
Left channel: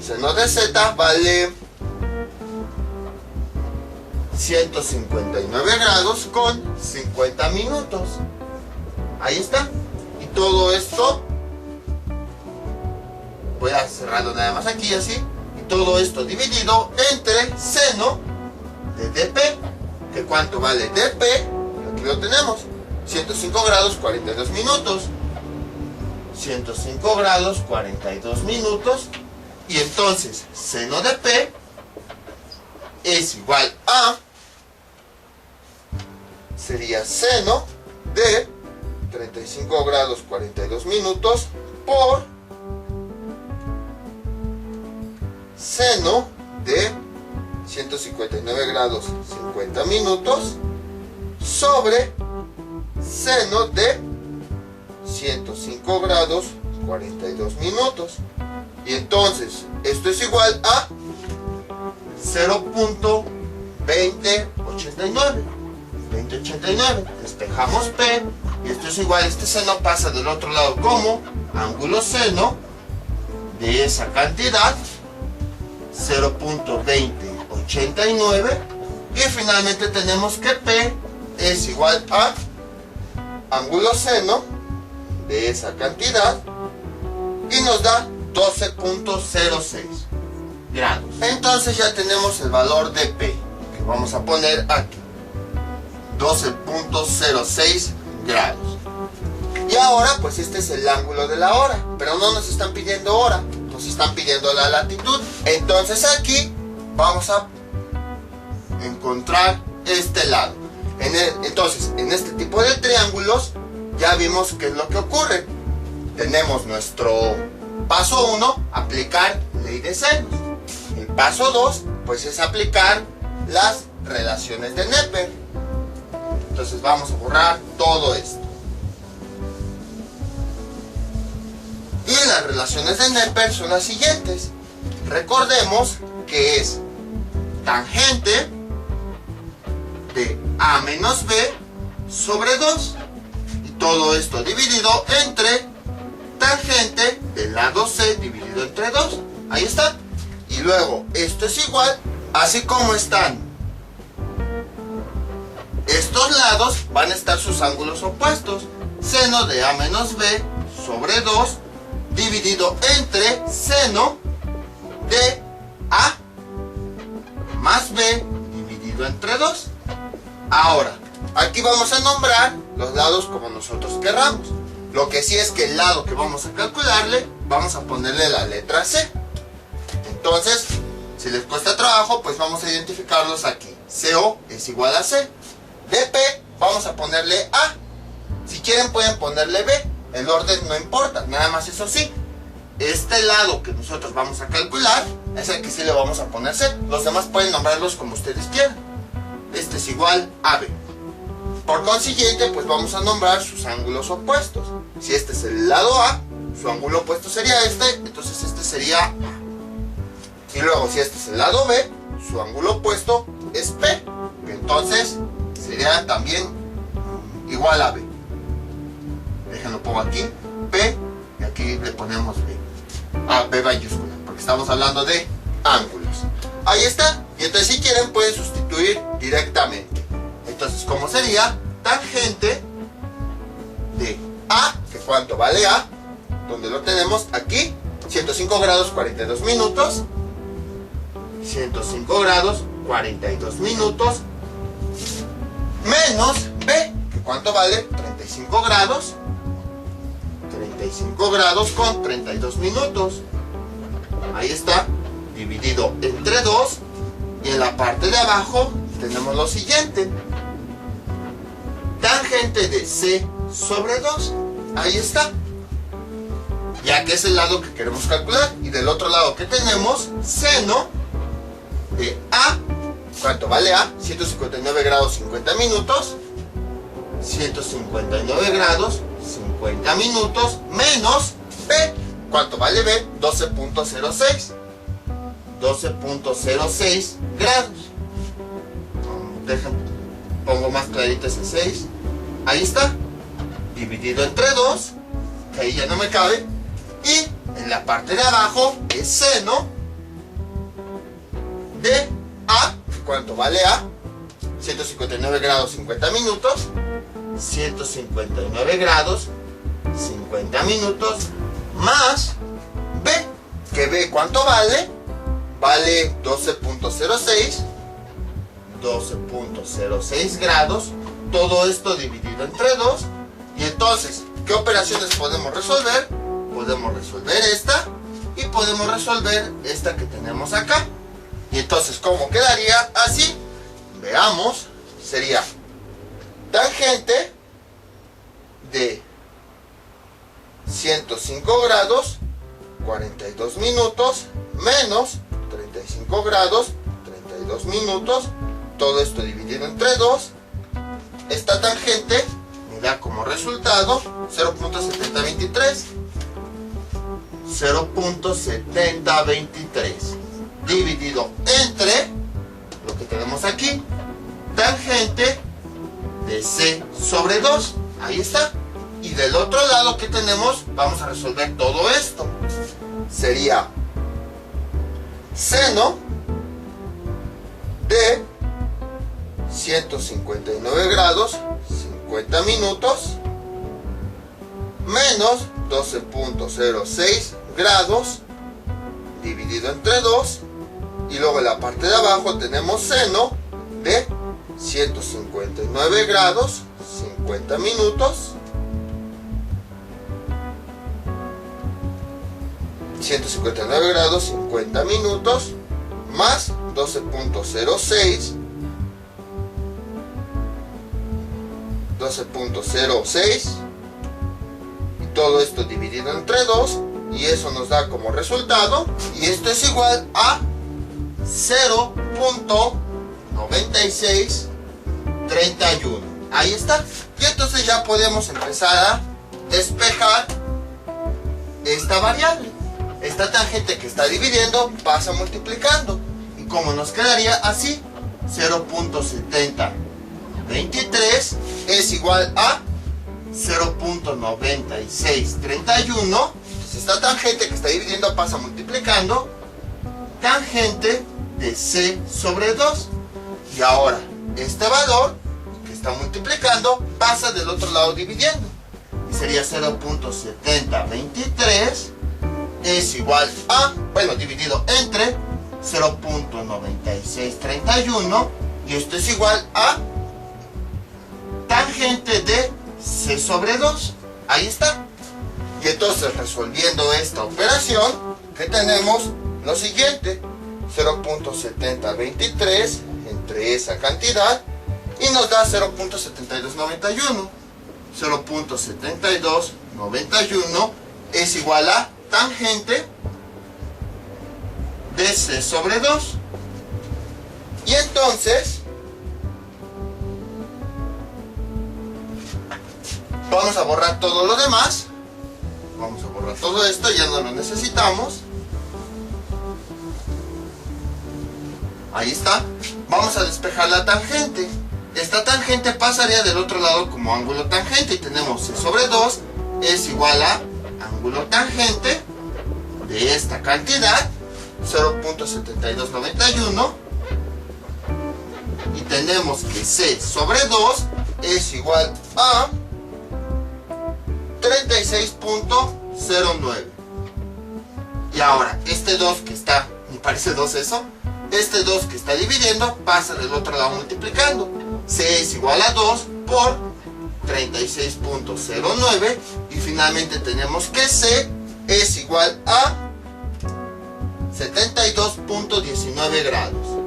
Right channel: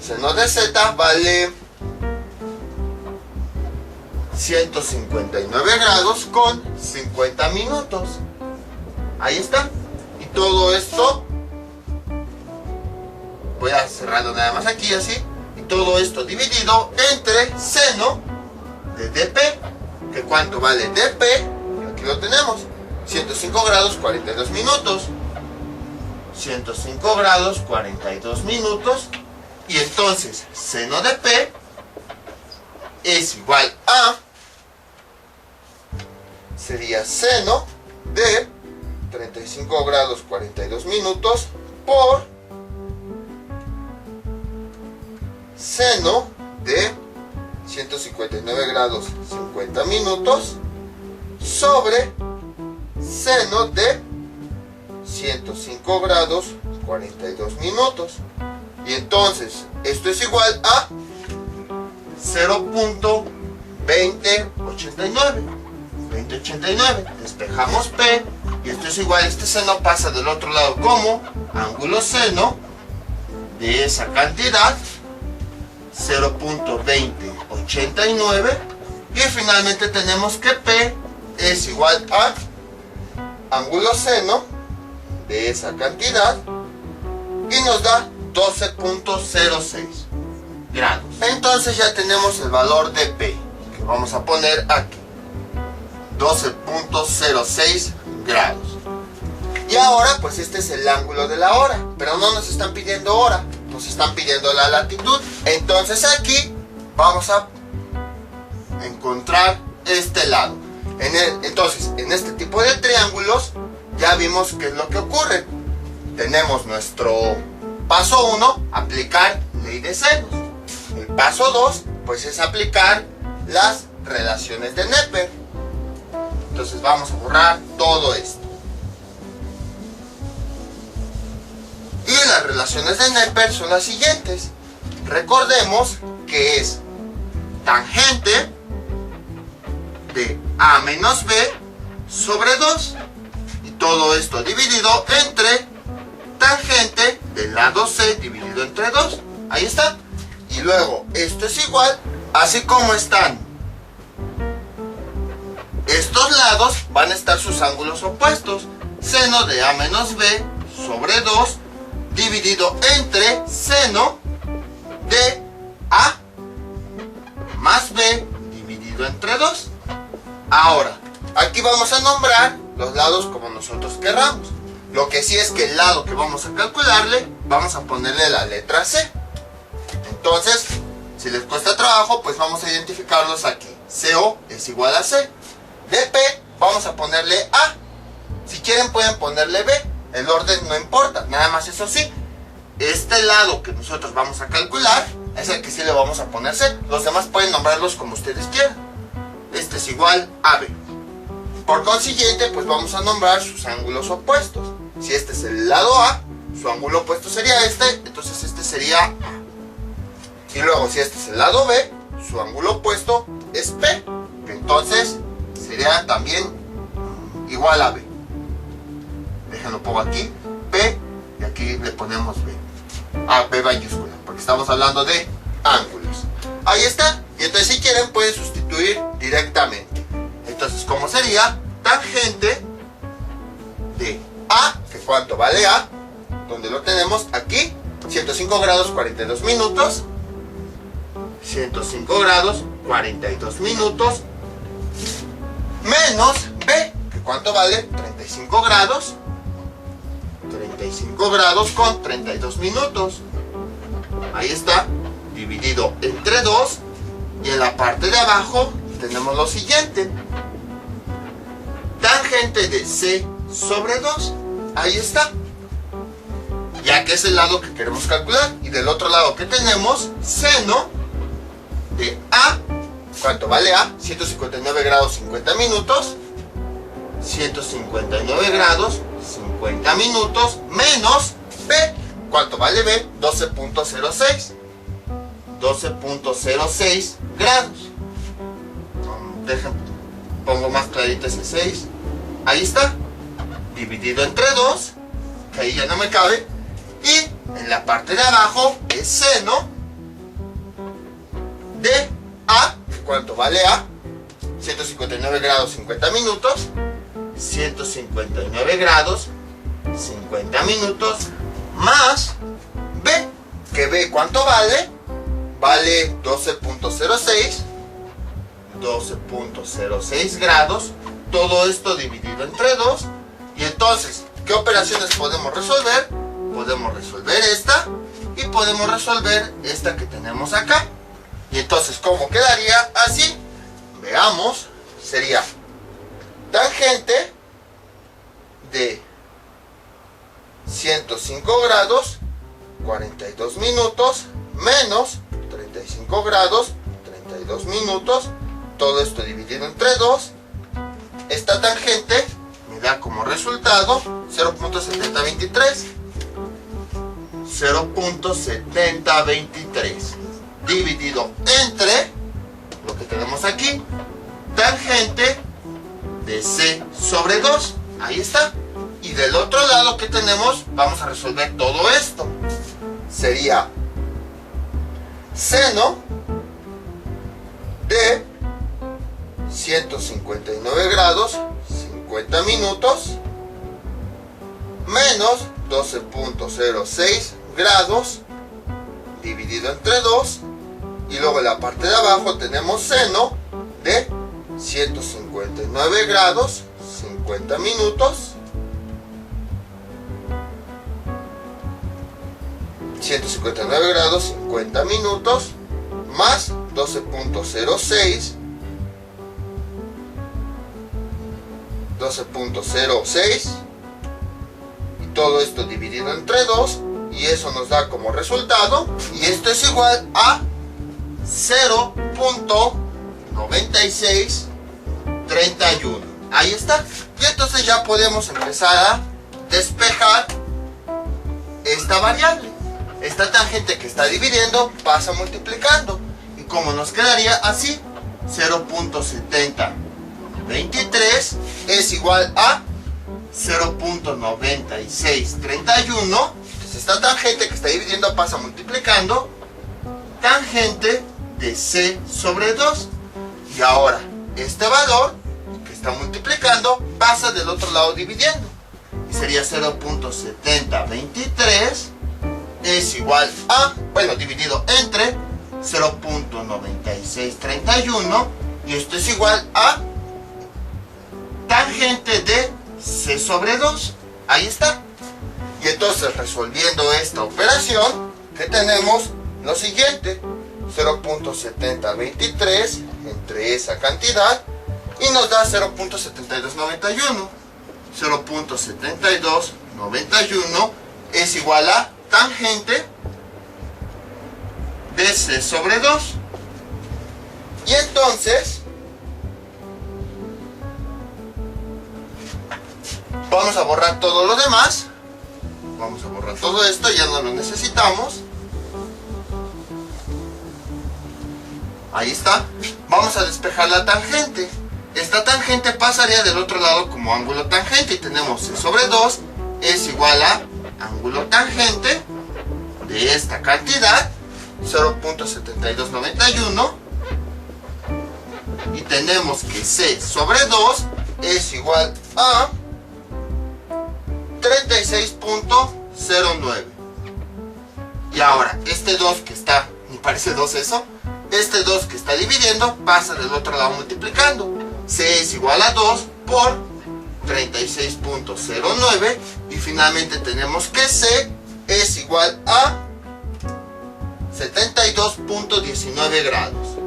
seno de z vale 159 grados con 50 minutos. Ahí está. Y todo esto, voy a cerrarlo nada más aquí así, y todo esto dividido entre seno de dp, que cuánto vale dp, aquí lo tenemos, 105 grados 42 minutos, 105 grados 42 minutos, y entonces seno de p es igual a, sería seno de 35 grados 42 minutos por seno de 159 grados 50 minutos sobre seno de 105 grados 42 minutos. Y entonces esto es igual a 0.2089. Despejamos P y esto es igual, este seno pasa del otro lado como ángulo seno de esa cantidad, 0.2089, y finalmente tenemos que P es igual a ángulo seno de esa cantidad y nos da 12.06 grados. Entonces ya tenemos el valor de P, que vamos a poner aquí, 12.06 grados. Y ahora pues este es el ángulo de la hora, pero no nos están pidiendo hora, nos están pidiendo la latitud. Entonces aquí vamos a encontrar este lado. Entonces en este tipo de triángulos ya vimos qué es lo que ocurre. Tenemos nuestro paso 1, aplicar ley de senos. El paso 2 pues es aplicar las relaciones de Neper. Entonces vamos a borrar todo esto. Y las relaciones de Neper son las siguientes. Recordemos que es tangente de A menos B sobre 2. Y todo esto dividido entre tangente del lado C dividido entre 2. Ahí está. Y luego esto es igual, así como están estos lados, van a estar sus ángulos opuestos. Seno de A menos B sobre 2 dividido entre seno de A más B dividido entre 2. Ahora, aquí vamos a nombrar los lados como nosotros querramos. Lo que sí es que el lado que vamos a calcularle, vamos a ponerle la letra C. Entonces, si les cuesta trabajo, pues vamos a identificarlos aquí. CO es igual a C. DP vamos a ponerle A. Si quieren pueden ponerle B. El orden no importa, nada más eso sí. Este lado que nosotros vamos a calcular es el que sí le vamos a poner C. Los demás pueden nombrarlos como ustedes quieran. Este es igual a B. Por consiguiente, pues vamos a nombrar sus ángulos opuestos. Si este es el lado A, su ángulo opuesto sería este, entonces este sería A. Y luego, si este es el lado B, su ángulo opuesto es P, que entonces sería también igual a B. Déjenlo pongo aquí, P, y aquí le ponemos B. B mayúscula, porque estamos hablando de ángulos. Ahí está. Y entonces si quieren pueden sustituir directamente. Entonces, ¿cómo sería? Tangente de A, que cuánto vale A, donde lo tenemos aquí, 105 grados 42 minutos, 105 grados 42 minutos, menos B, que cuánto vale, 35 grados, 35 grados con 32 minutos. Ahí está, dividido entre 2, y en la parte de abajo tenemos lo siguiente. Tangente de C sobre 2. Ahí está. ya que es el lado que queremos calcular. Y del otro lado que tenemos, seno de A. ¿Cuánto vale A? 159 grados 50 minutos. 159 grados 50 minutos menos B. ¿Cuánto vale B? 12.06. 12.06 grados. Pongo más clarito ese 6. Ahí está. Dividido entre 2. Que ahí ya no me cabe. Y en la parte de abajo es seno de A. ¿Cuánto vale A? 159 grados 50 minutos. 159 grados 50 minutos más B. ¿Que B cuánto vale? Vale 12.06. 12.06 grados. Todo esto dividido entre 2. Y entonces, ¿qué operaciones podemos resolver? Podemos resolver esta y podemos resolver esta que tenemos acá. Y entonces, ¿cómo quedaría? Así. Veamos. Sería tangente de 105 grados 42 minutos menos 35 grados 32 minutos. Todo esto dividido entre 2. Esta tangente me da como resultado 0.7023. 0.7023 dividido entre lo que tenemos aquí, tangente de C sobre 2. Ahí está. Y del otro lado que tenemos, vamos a resolver todo esto. Sería seno de 159 grados 50 minutos menos 12.06 grados dividido entre 2. Y luego en la parte de abajo tenemos seno de 159 grados 50 minutos 159 grados 50 minutos más 12.06 y todo esto dividido entre 2, y eso nos da como resultado, y esto es igual a 0.9631. Ahí está. Y entonces ya podemos empezar a despejar esta variable. Esta tangente que está dividiendo pasa multiplicando. Y como nos quedaría así, 0.7023 es igual a 0.9631. Entonces esta tangente que está dividiendo pasa multiplicando. Tangente de C sobre 2. Y ahora este valor que está multiplicando pasa del otro lado dividiendo. Y sería 0.7023 es igual a, bueno, dividido entre 0.9631, y esto es igual a tangente de C sobre 2. Ahí está. Y entonces, resolviendo esta operación, que tenemos lo siguiente: 0.7023 entre esa cantidad y nos da 0.7291. 0.7291 es igual a tangente de C sobre 2. Y entonces vamos a borrar todo lo demás. Vamos a borrar todo esto, ya no lo necesitamos. Ahí está. Vamos a despejar la tangente. Esta tangente pasaría del otro lado como ángulo tangente, y tenemos C sobre 2 es igual a ángulo tangente de esta cantidad, 0.7291, y tenemos que C sobre 2 es igual a 36.09. Y ahora este 2 que está, me parece 2 eso, este 2 que está dividiendo pasa del otro lado multiplicando. C es igual a 2 por 36.09, y finalmente tenemos que C es igual a 72.19 grados.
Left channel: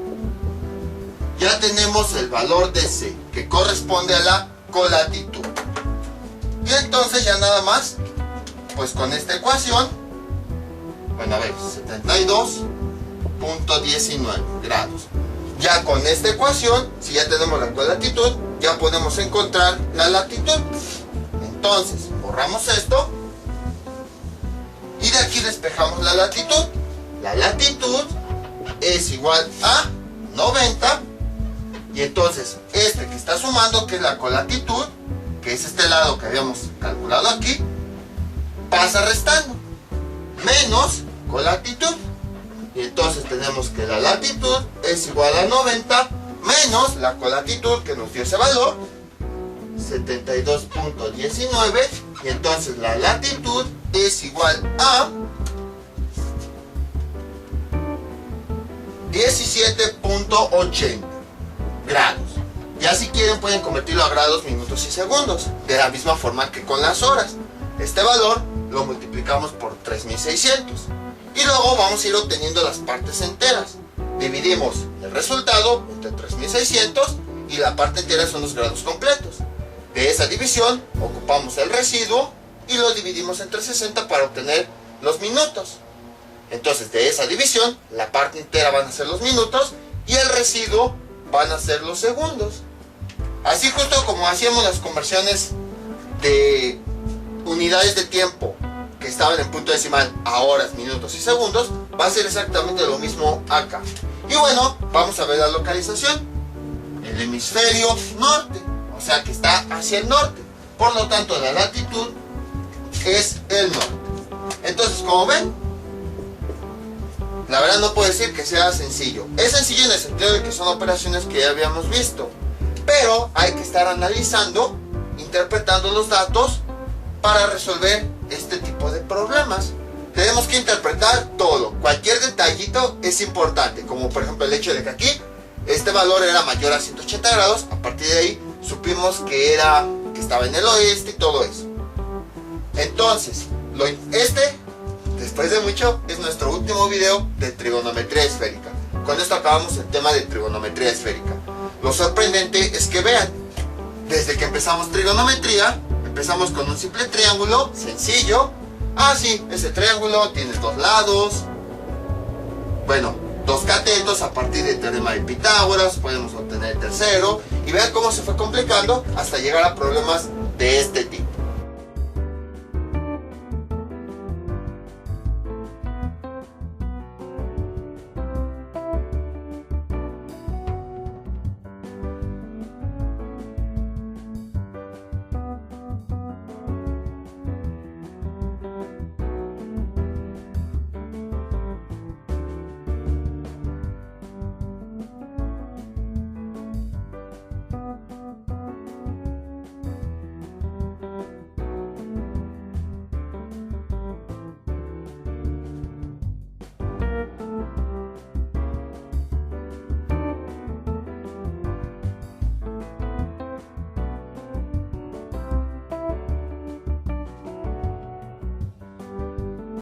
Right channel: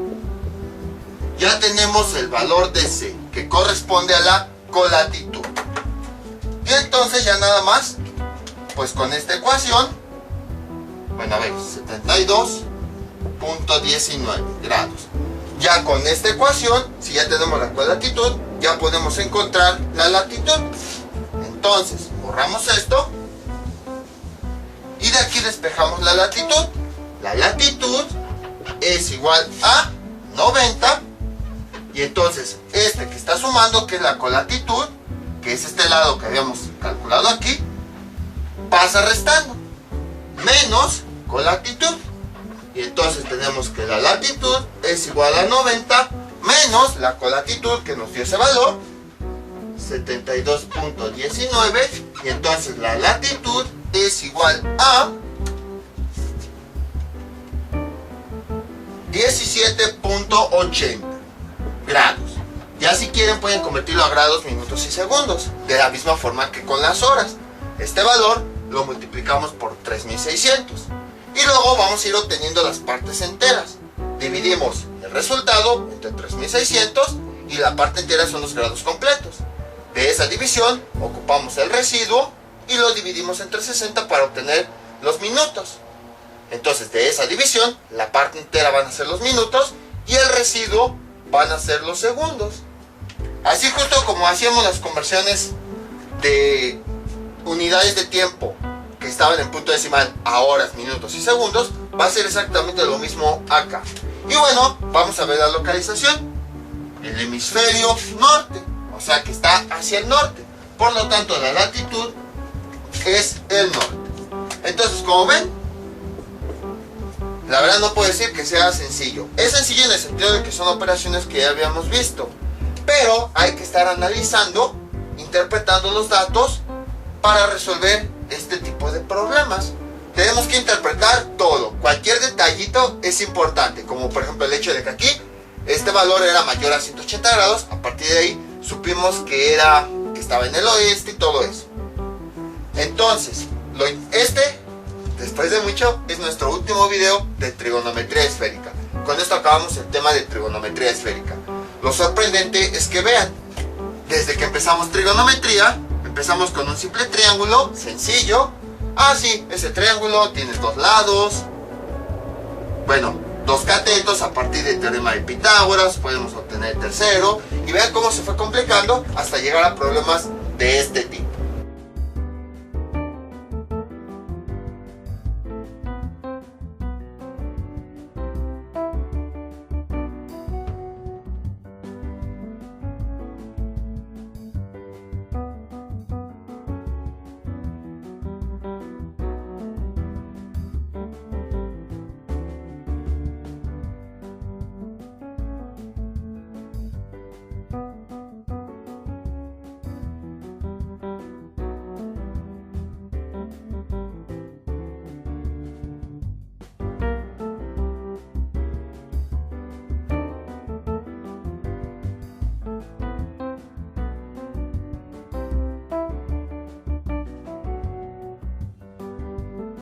Ya tenemos el valor de C, que corresponde a la colatitud. Y entonces ya nada más Pues con esta ecuación, bueno, a ver, 72.19 grados. Ya con esta ecuación, si ya tenemos la colatitud, ya podemos encontrar la latitud. Entonces, borramos esto y de aquí despejamos la latitud. La latitud es igual a 90 y entonces este que está sumando, que es la colatitud, que es este lado que habíamos calculado aquí, pasa restando, menos colatitud. Y entonces tenemos que la latitud es igual a 90 menos la colatitud que nos dio ese valor, 72.19, y entonces la latitud es igual a 17.80 grados. Ya si quieren pueden convertirlo a grados, minutos y segundos, de la misma forma que con las horas. Este valor lo multiplicamos por 3600 y luego vamos a ir obteniendo las partes enteras. Dividimos el resultado entre 3600 y la parte entera son los grados completos. De esa división ocupamos el residuo y lo dividimos entre 60 para obtener los minutos. Entonces de esa división la parte entera van a ser los minutos y el residuo van a ser los segundos. Así justo como hacíamos las conversiones de unidades de tiempo que estaban en punto decimal a horas, minutos y segundos, va a ser exactamente lo mismo acá. Y bueno, vamos a ver la localización. El hemisferio norte, o sea que está hacia el norte. Por lo tanto, la latitud es el norte. Entonces, como ven, la verdad no puedo decir que sea sencillo. Es sencillo en el sentido de que son operaciones que ya habíamos visto. Pero hay que estar analizando, interpretando los datos para resolver este tipo de problemas. Tenemos que interpretar todo. Cualquier detallito es importante. Como por ejemplo el hecho de que aquí este valor era mayor a 180 grados. A partir de ahí supimos que estaba en el oeste y todo eso. Entonces, después de mucho, es nuestro último video de trigonometría esférica. Con esto acabamos el tema de trigonometría esférica. Lo sorprendente es que vean, desde que empezamos trigonometría, empezamos con un simple triángulo sencillo. Ah, sí, ese triángulo tiene dos lados. Bueno, dos catetos. A partir del teorema de Pitágoras podemos obtener el tercero. Y vean cómo se fue complicando hasta llegar a problemas de este